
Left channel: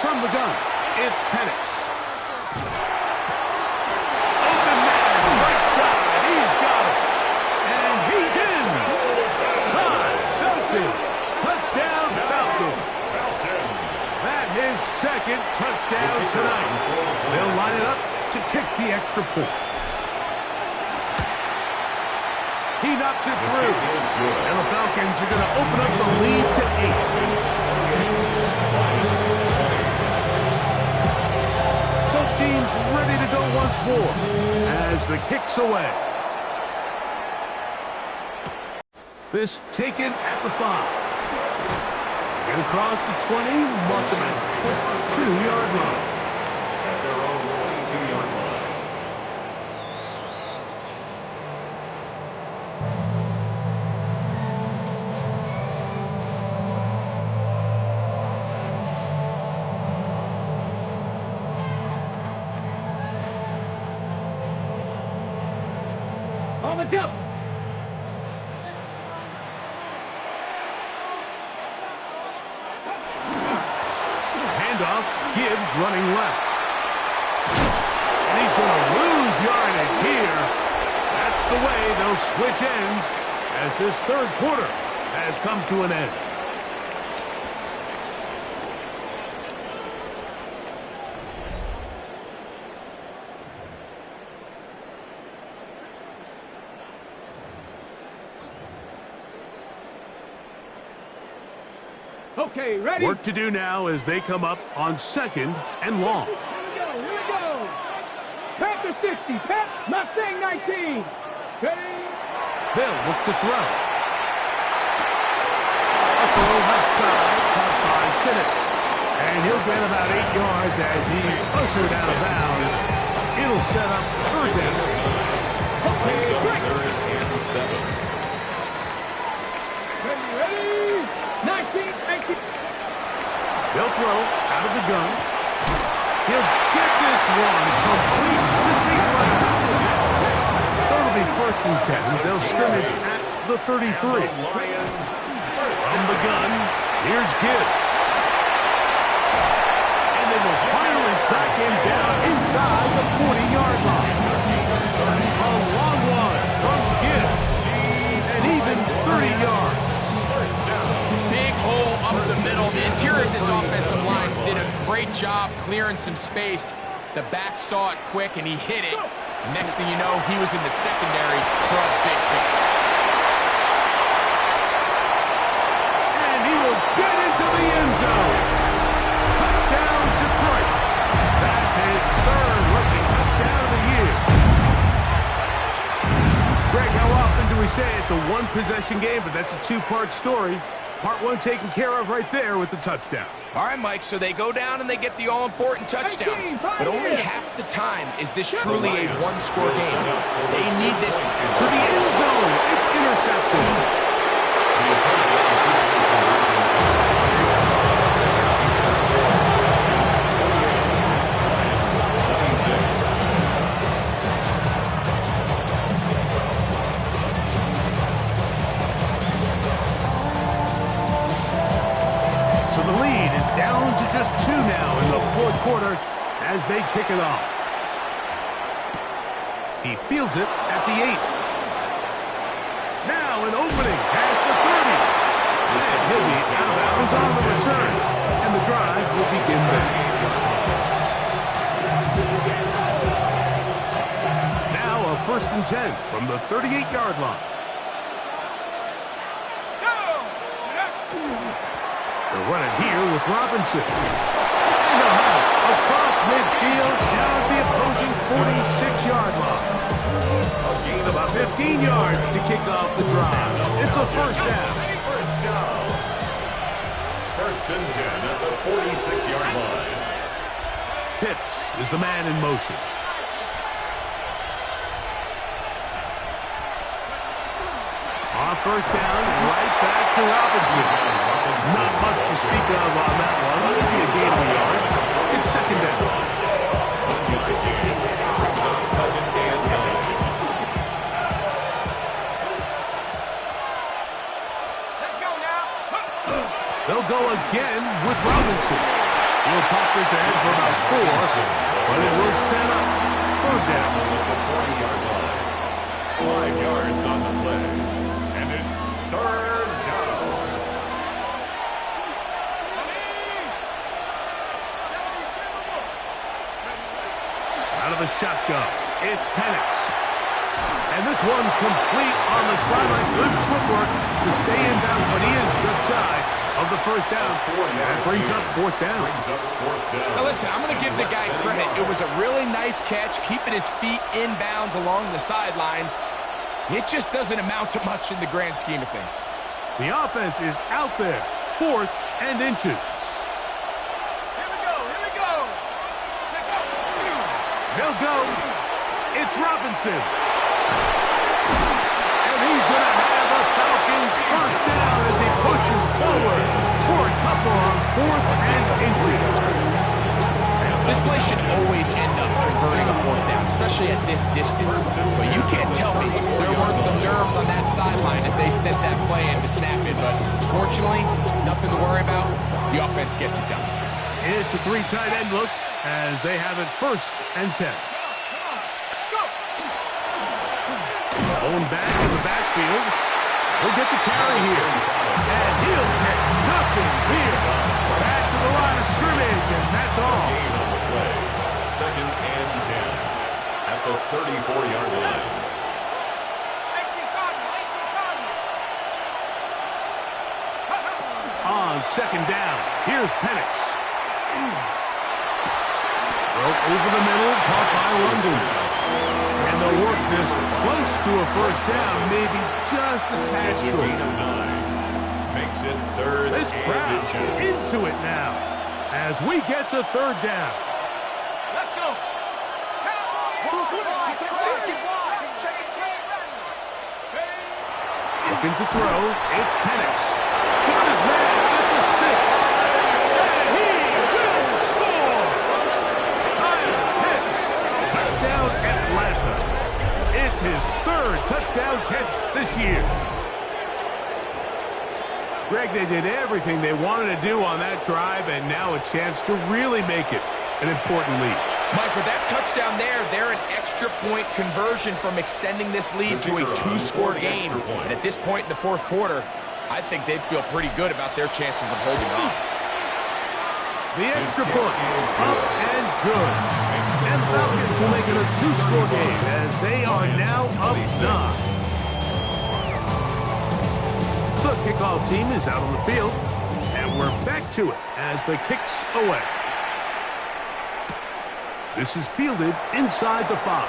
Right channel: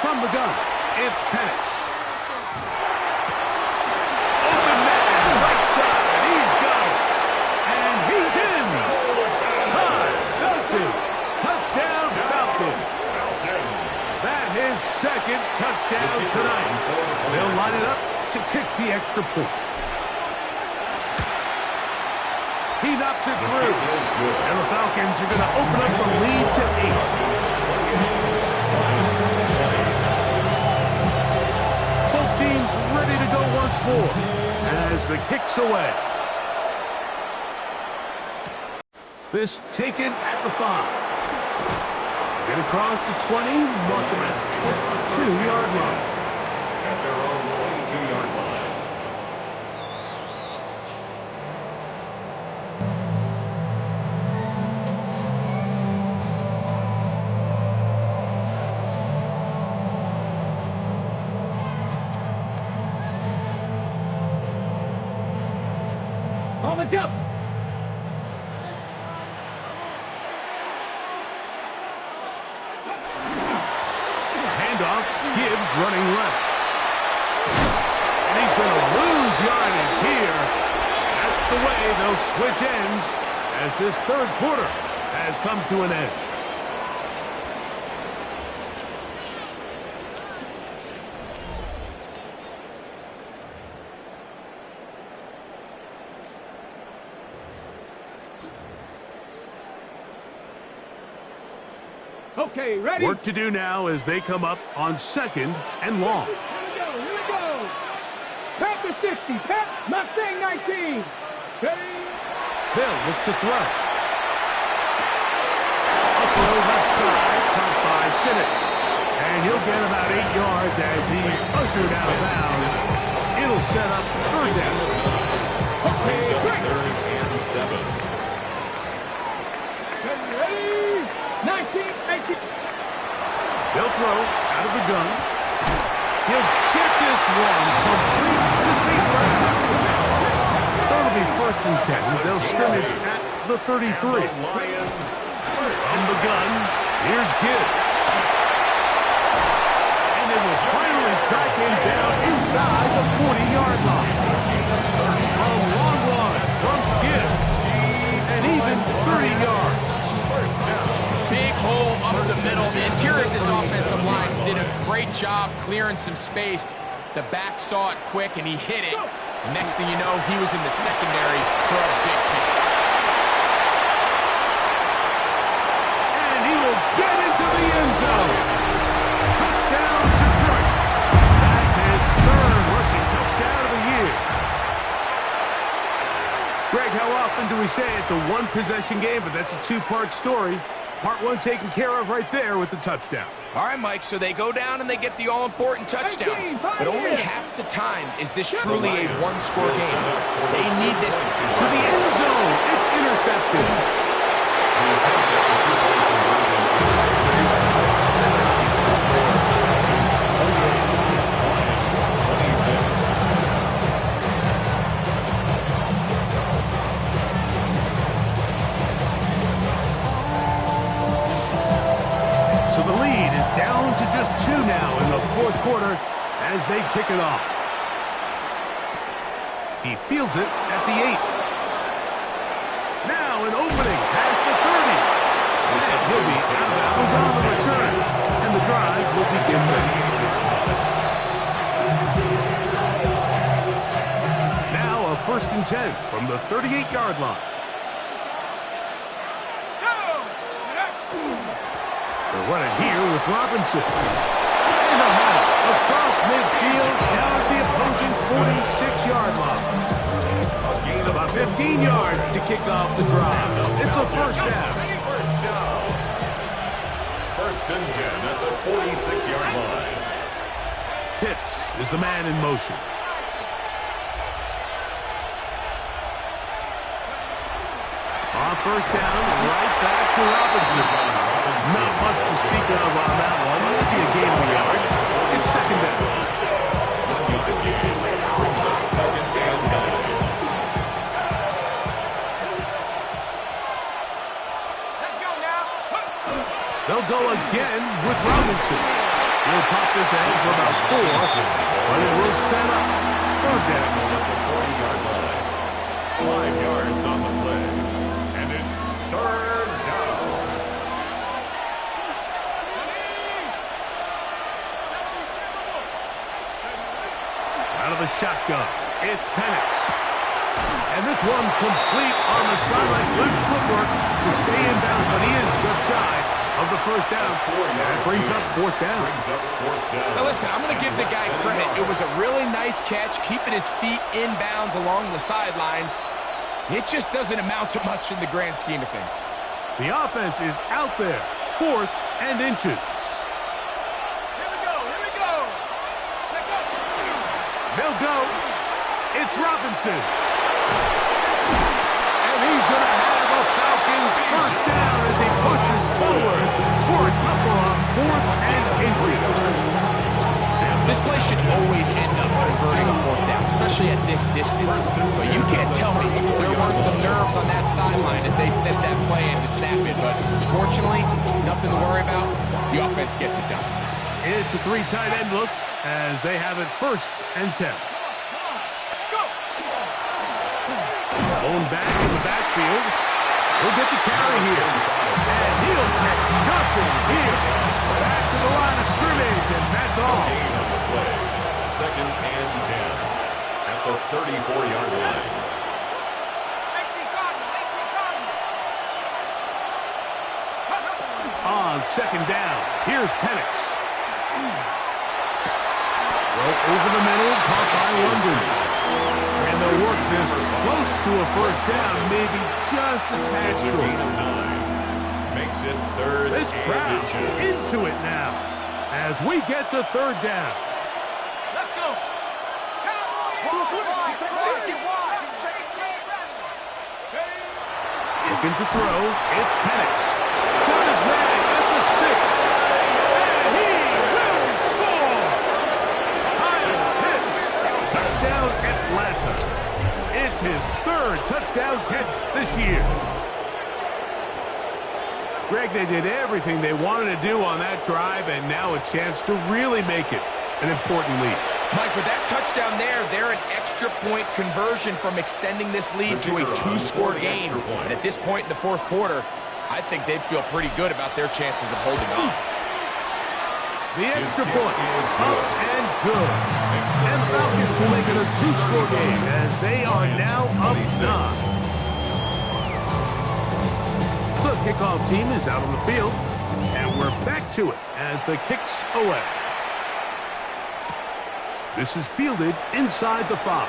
From the gun, it's Penix. Open man, right side, he's got it. And he's in. Felton. Touchdown, Falcon. That his 2nd touchdown tonight. They'll line it up to kick the extra point. He knocks it The through. kick is good. And the Falcons are going to open up the lead to 8. Lions 20. Both teams ready to go once more as the kick's away. This taken at the 5. Get across the 20, mark them at the 22-yard line. At their own 22-yard line. On the jump. Handoff, Gibbs running left. And he's going to lose yardage here. That's the way they'll switch ends as this third quarter has come to an end. Okay, ready? Work to do now as they come up on 2nd and long. Here we go. Panther 60, Mustang 19. Ready? They'll look to throw. A throw left side, caught by Sinnott. And he'll get about 8 yards as he's ushered out of bounds. It'll set up third down. Brings up 3rd and 7. Ready? 19. They'll throw out of the gun. He'll get this one complete to St. Brown. So it'll be 1st and 10. They'll scrimmage at the 33. Lions From the gun, here's Gibbs. And they will finally track him down inside the 40-yard line. A long one from Gibbs. And even 30 yards. Big hole up the middle. The interior of this offensive line did a great job clearing some space. The back saw it quick, and he hit it. And next thing you know, he was in the secondary for a big pick. And he will get into the end zone. Touchdown, Detroit. That's his 3rd rushing touchdown of the year. Greg, how often do we say it's a one-possession game, but that's a 2-part story? Part 1 taken care of right there with the touchdown. All right, Mike, so they go down and they get the all-important touchdown. But only half the time is this truly a one-score game. They need this To the end zone. It's intercepted. The attempt at the 2-point conversion is and keeps the score. It's 28. Lions 26. So the lead is down to just 2 now in the 4th quarter as they kick it off. He fields it at the 8. Now an opening past the 30. And he'll be out of bounds on the return. And the drive will begin then. Now a 1st and 10 from the 38-yard line. They're running here with Robinson. And they'll have it across midfield down at the opposing 46-yard line. About 15 yards to kick off the drive. It's a 1st down. 1st down. 1st and 10 at the 46-yard line. Pitts is the man in motion. On 1st down, right back to Robinson. Not much to speak of on that one. It'll be a gain of a yard. It's 2nd down. 1-yard gain brings up 2nd and 9. Let's go now. They'll go again with Robinson. He'll pop this ahead for about 4, but it will set up 3rd down. At the 40-yard line. 5 yards on the play. And it's 3rd down. Out of the shotgun, it's Penix. And this one complete on the sideline. Good footwork to stay in bounds, but he is just shy of the first down. That brings up fourth down. Now listen, I'm going to give the guy credit. It was a really nice catch, keeping his feet in bounds along the sidelines. It just doesn't amount to much in the grand scheme of things. The offense is out there. 4th and inches. Here we go. Check out. They'll go. It's Robinson. And he's going to have a Falcons first down as he pushes forward for a couple on 4th and inches. This play should always end up converting a 4th down, especially at this distance. But you can't tell me there weren't some nerves on that sideline as they set that play in to snap it. But fortunately, nothing to worry about. The offense gets it done. It's a 3 tight end look as they have it 1st and 10. Owned back in the backfield. He'll get the carry here. And he'll get nothing here. Back to the line of scrimmage, and that's all. Gain on the play. 2nd and 10 at the 34-yard line. 18 Cardinal. On 2nd down, here's Penix. Throw over the middle, caught by London. And they'll work this close to a first down, maybe just a tad short. Gain of 9 makes it 3rd This crowd and inches. into it now as we get to 3rd down. Let's go. Looking to throw, it's Penix. Got his man at the 6. And he will score! Kyle Pitts, touchdown Atlanta. It's his 3rd touchdown catch this year. Greg, they did everything they wanted to do on that drive, and now a chance to really make it an important lead. Mike, with that touchdown there, they're an extra point conversion from extending this lead to a 2-score game. And at this point in the 4th quarter, I think they feel pretty good about their chances of holding on. The extra point is up and good. And the Falcons will make it a 2-score game as they are now up 9. The kickoff team is out on the field, and we're back to it as the kick's away. This is fielded inside the 5.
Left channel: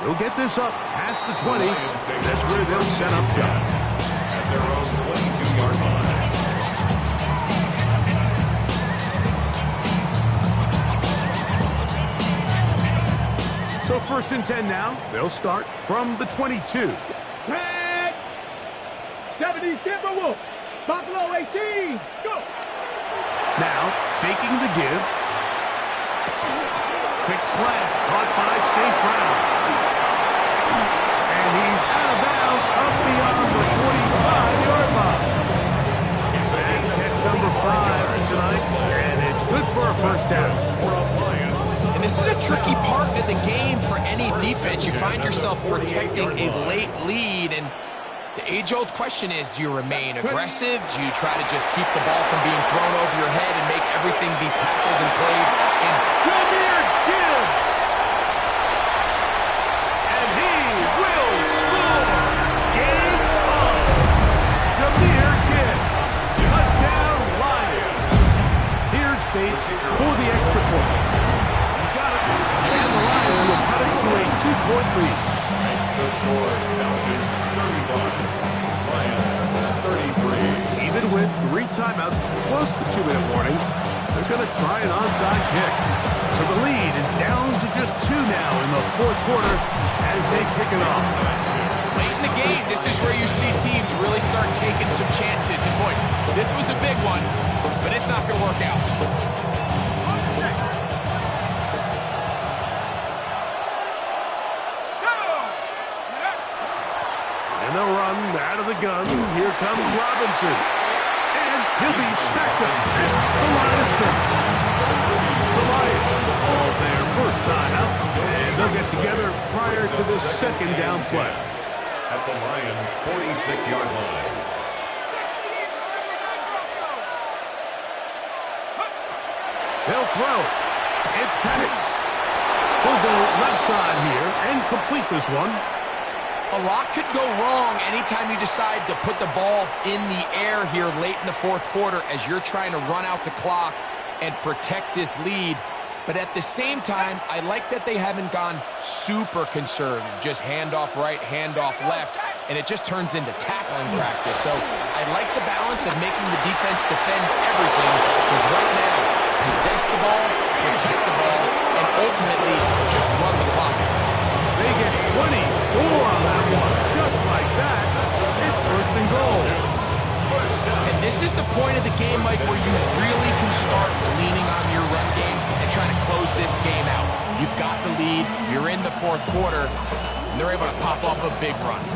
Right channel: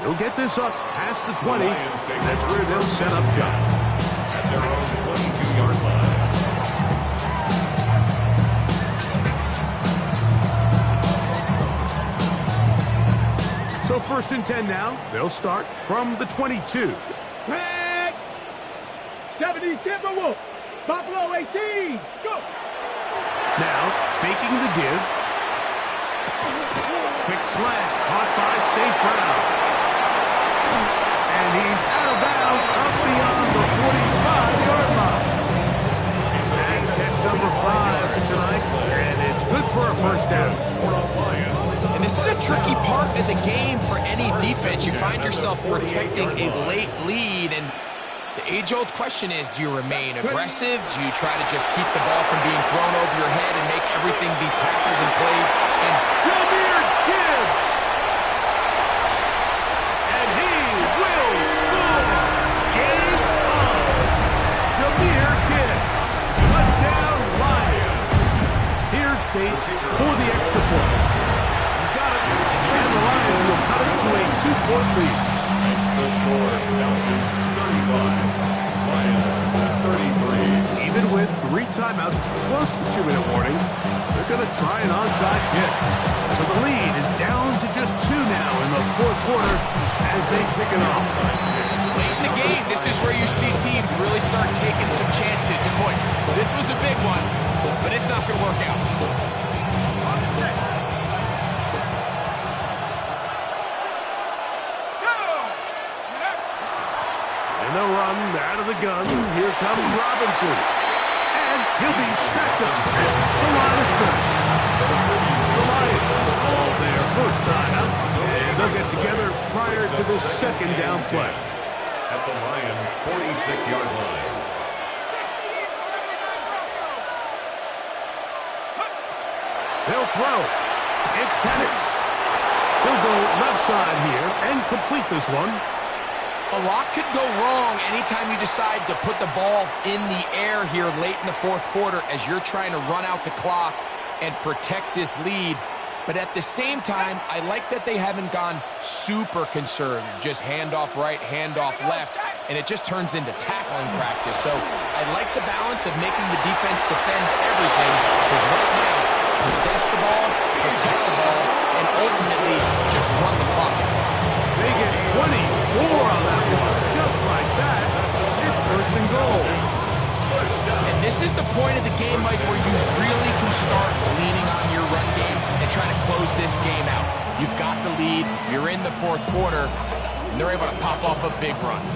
He'll get this up past the 20. That's where they'll set up shop. At their own 22-yard line. So 1st and 10 now. They'll start from the 22. Tag. 70 Timberwolves. Buffalo 18. Go. Now, faking the give. Quick slant, caught by St. Brown. And he's out of bounds up beyond the 45-yard line. That's catch number 5 tonight, and it's good for a first down. And this is a tricky part of the game for any defense. You find yourself protecting a late lead, and the age-old question is, do you remain aggressive? Do you try to just keep the ball from being thrown over your head and make everything be tackled and played? And Jahmyr Gibbs! And he will score! Game on! Jahmyr Gibbs! Touchdown Lions! Here's Bates for the extra point. He's got it, and the Lions will cut it to a 2-point lead. Makes the score. Falcons 35. Lions 33. Even with 3 timeouts plus the 2-minute warning, they're going to try an onside kick. So the lead is down to just 2 now in the 4th quarter as they kick it off. late in the game, this is where you see teams really start taking some chances. And boy, this was a big one, but it's not going to work out. And they'll run out of the gun. Here comes Robinson. And he'll be stacked up at the line of scrimmage. The Lions call their first time out, and they'll get together prior to this second down play. At the Lions' 46-yard line. They'll throw. It's Penix. He'll go left side here and complete this one. A lot could go wrong anytime you decide to put the ball in the air here late in the fourth quarter as you're trying to run out the clock and protect this lead. But at the same time, I like that they haven't gone super conservative. Just handoff right, handoff left, and it just turns into tackling practice. So I like the balance of making the defense defend everything, because right now, possess the ball, protect the ball, and ultimately just run the clock out. They get 24 on that one. Just like that, it's first and goal. And this is the point of the game, Mike, where you really can start leaning on your run game and trying to close this game out. You've got the lead, you're in the fourth quarter, and they're able to pop off a big run.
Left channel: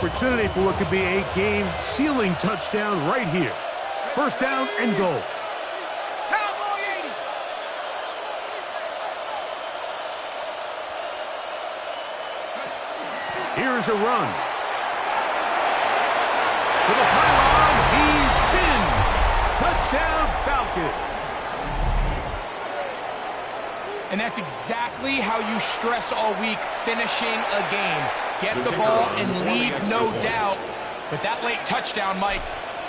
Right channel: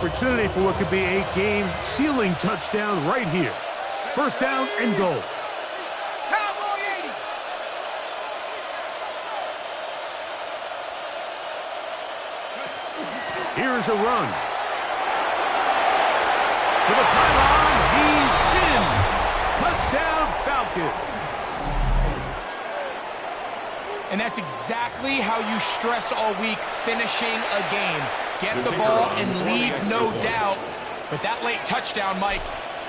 Opportunity for what could be a game-sealing touchdown right here. First down and goal. Cowboy 80. Here's a run. To the pylon, he's in. Touchdown, Falcons. And that's exactly how you stress all week, finishing a game. Get the ball and leave, no doubt. But that late touchdown, Mike,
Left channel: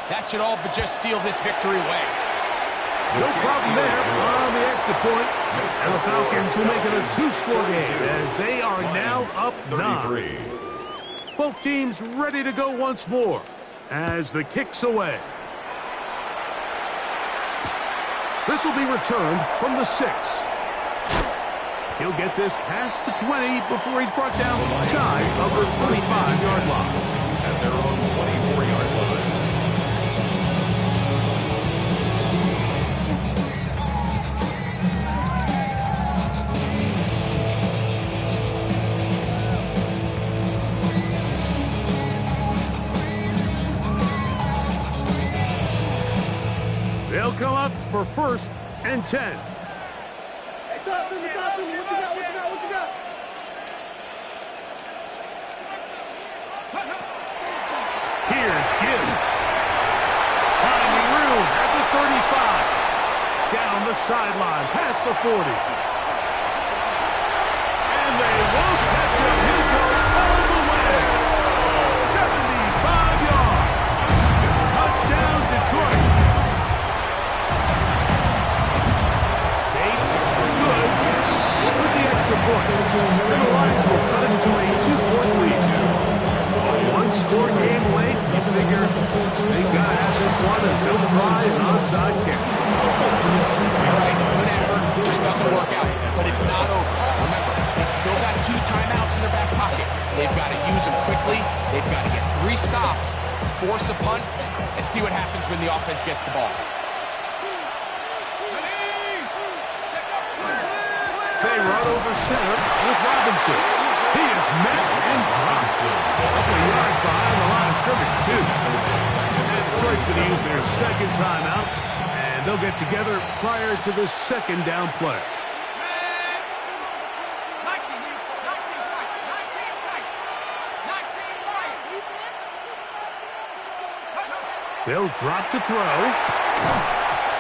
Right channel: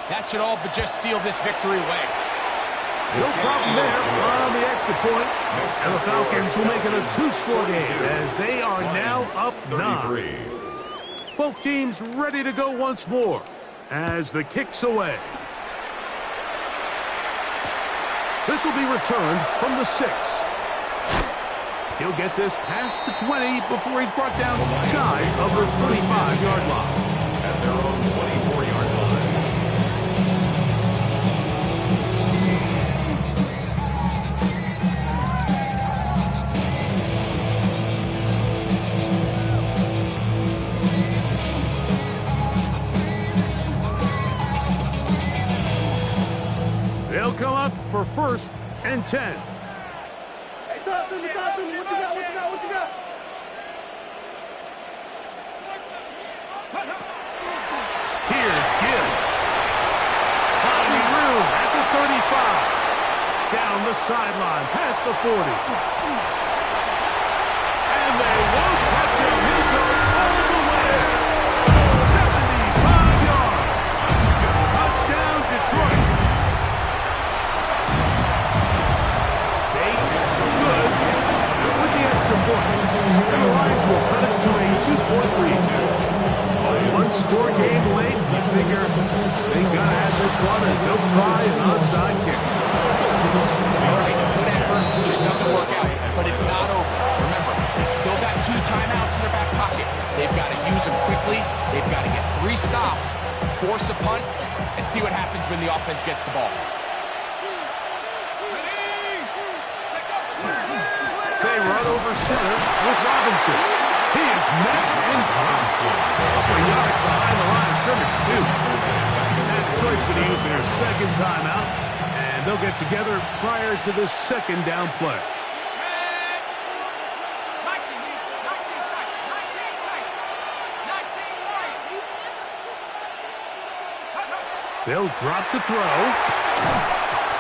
that should all but just seal this victory away. No problem there on the extra point. And the Falcons will make it a two-score game as they are now up 9. Both teams ready to go once more as the kick's away. This will be returned from the 6. He'll get this past the 20 before he's brought down shy of the 25-yard line. At their own 24-yard line. They'll come up for first and 10. Talk to me. What you got? Here's Gibbs. Finding room at the 35. Down the sideline, past the 40. And they won't catch him. He'll go all the way. 75 yards. Touchdown, Detroit. Bates, good. With the extra point. And the Lions will cut it to a 2-point lead. A one-score game late. You figure they got to have this one as they'll try an onside kick. All right, good effort. Just doesn't work out. But it's not over. Remember, they still got 2 timeouts in their back pocket. They've got to use them quickly. They've got to get 3 stops, force a punt, and see what happens when the offense gets the ball. They run over center with Robinson. He is met and dropped. A couple of yards behind the line of scrimmage, too. And Detroit's going to use their second timeout, and they'll get together prior to this second down play. They'll drop to throw.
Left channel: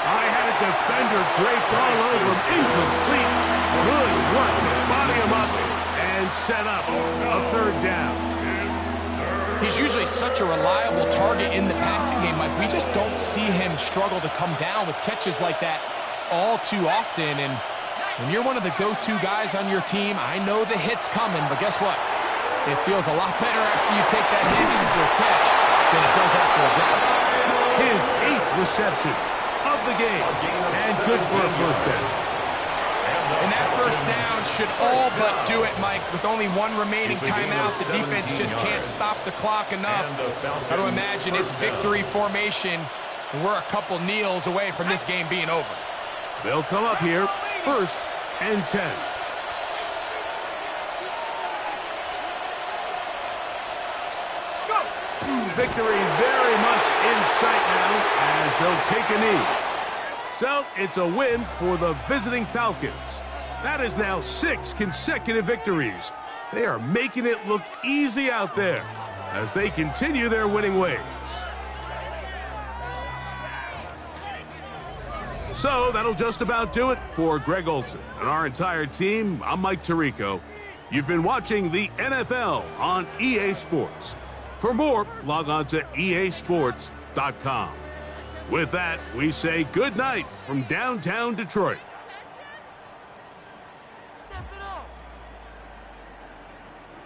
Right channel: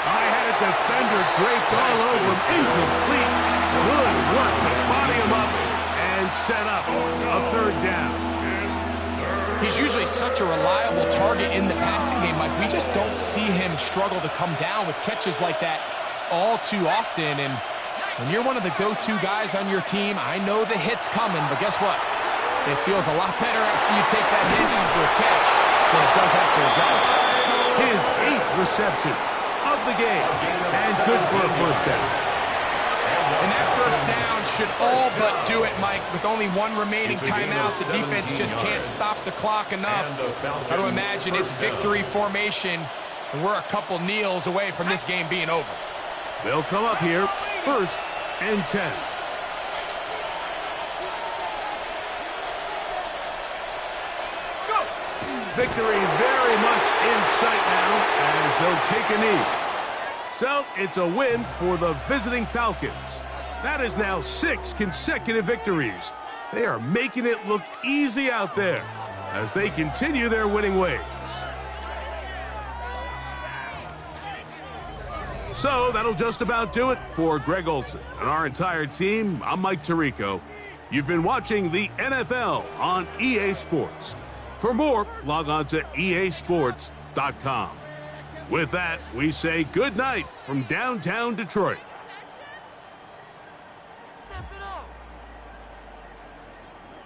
I had a defender draped all over him. Incomplete. Good work to body him up and set up a third down. He's usually such a reliable target in the passing game, Mike. We just don't see him struggle to come down with catches like that all too often. And when you're one of the go-to guys on your team, I know the hit's coming, but guess what? It feels a lot better after you take that hit after a catch than it does after a drive. His 8th reception of the game, and good for a first down. And that first down should all but do it, Mike. With only 1 remaining timeout, the defense just can't stop the clock enough. Got to imagine it's victory formation, and we're a couple kneels away from this game being over. They'll come up here, first and 10. Victory very much in sight now as they'll take a knee. So it's a win for the visiting Falcons. That is now 6 consecutive victories. They are making it look easy out there as they continue their winning ways. So that'll just about do it for Greg Olson and our entire team. I'm Mike Tirico. You've been watching the NFL on EA Sports. For more, log on to easports.com. With that, we say good night from downtown Detroit. Step it up.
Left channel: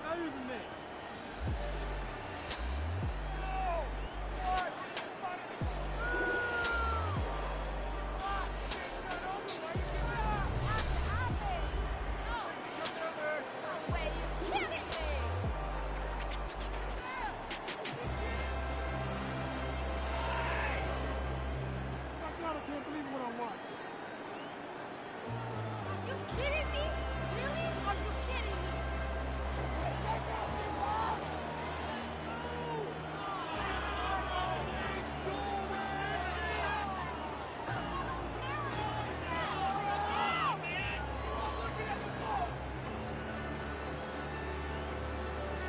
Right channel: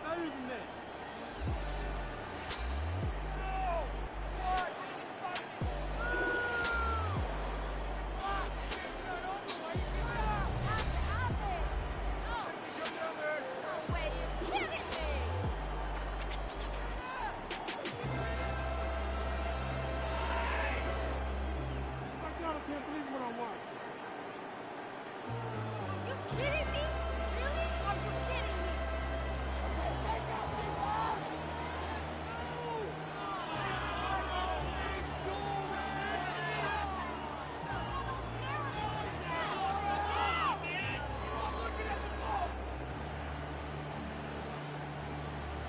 Better than that. I can't believe what I'm watching. Are you kidding me? Really? Are you kidding me?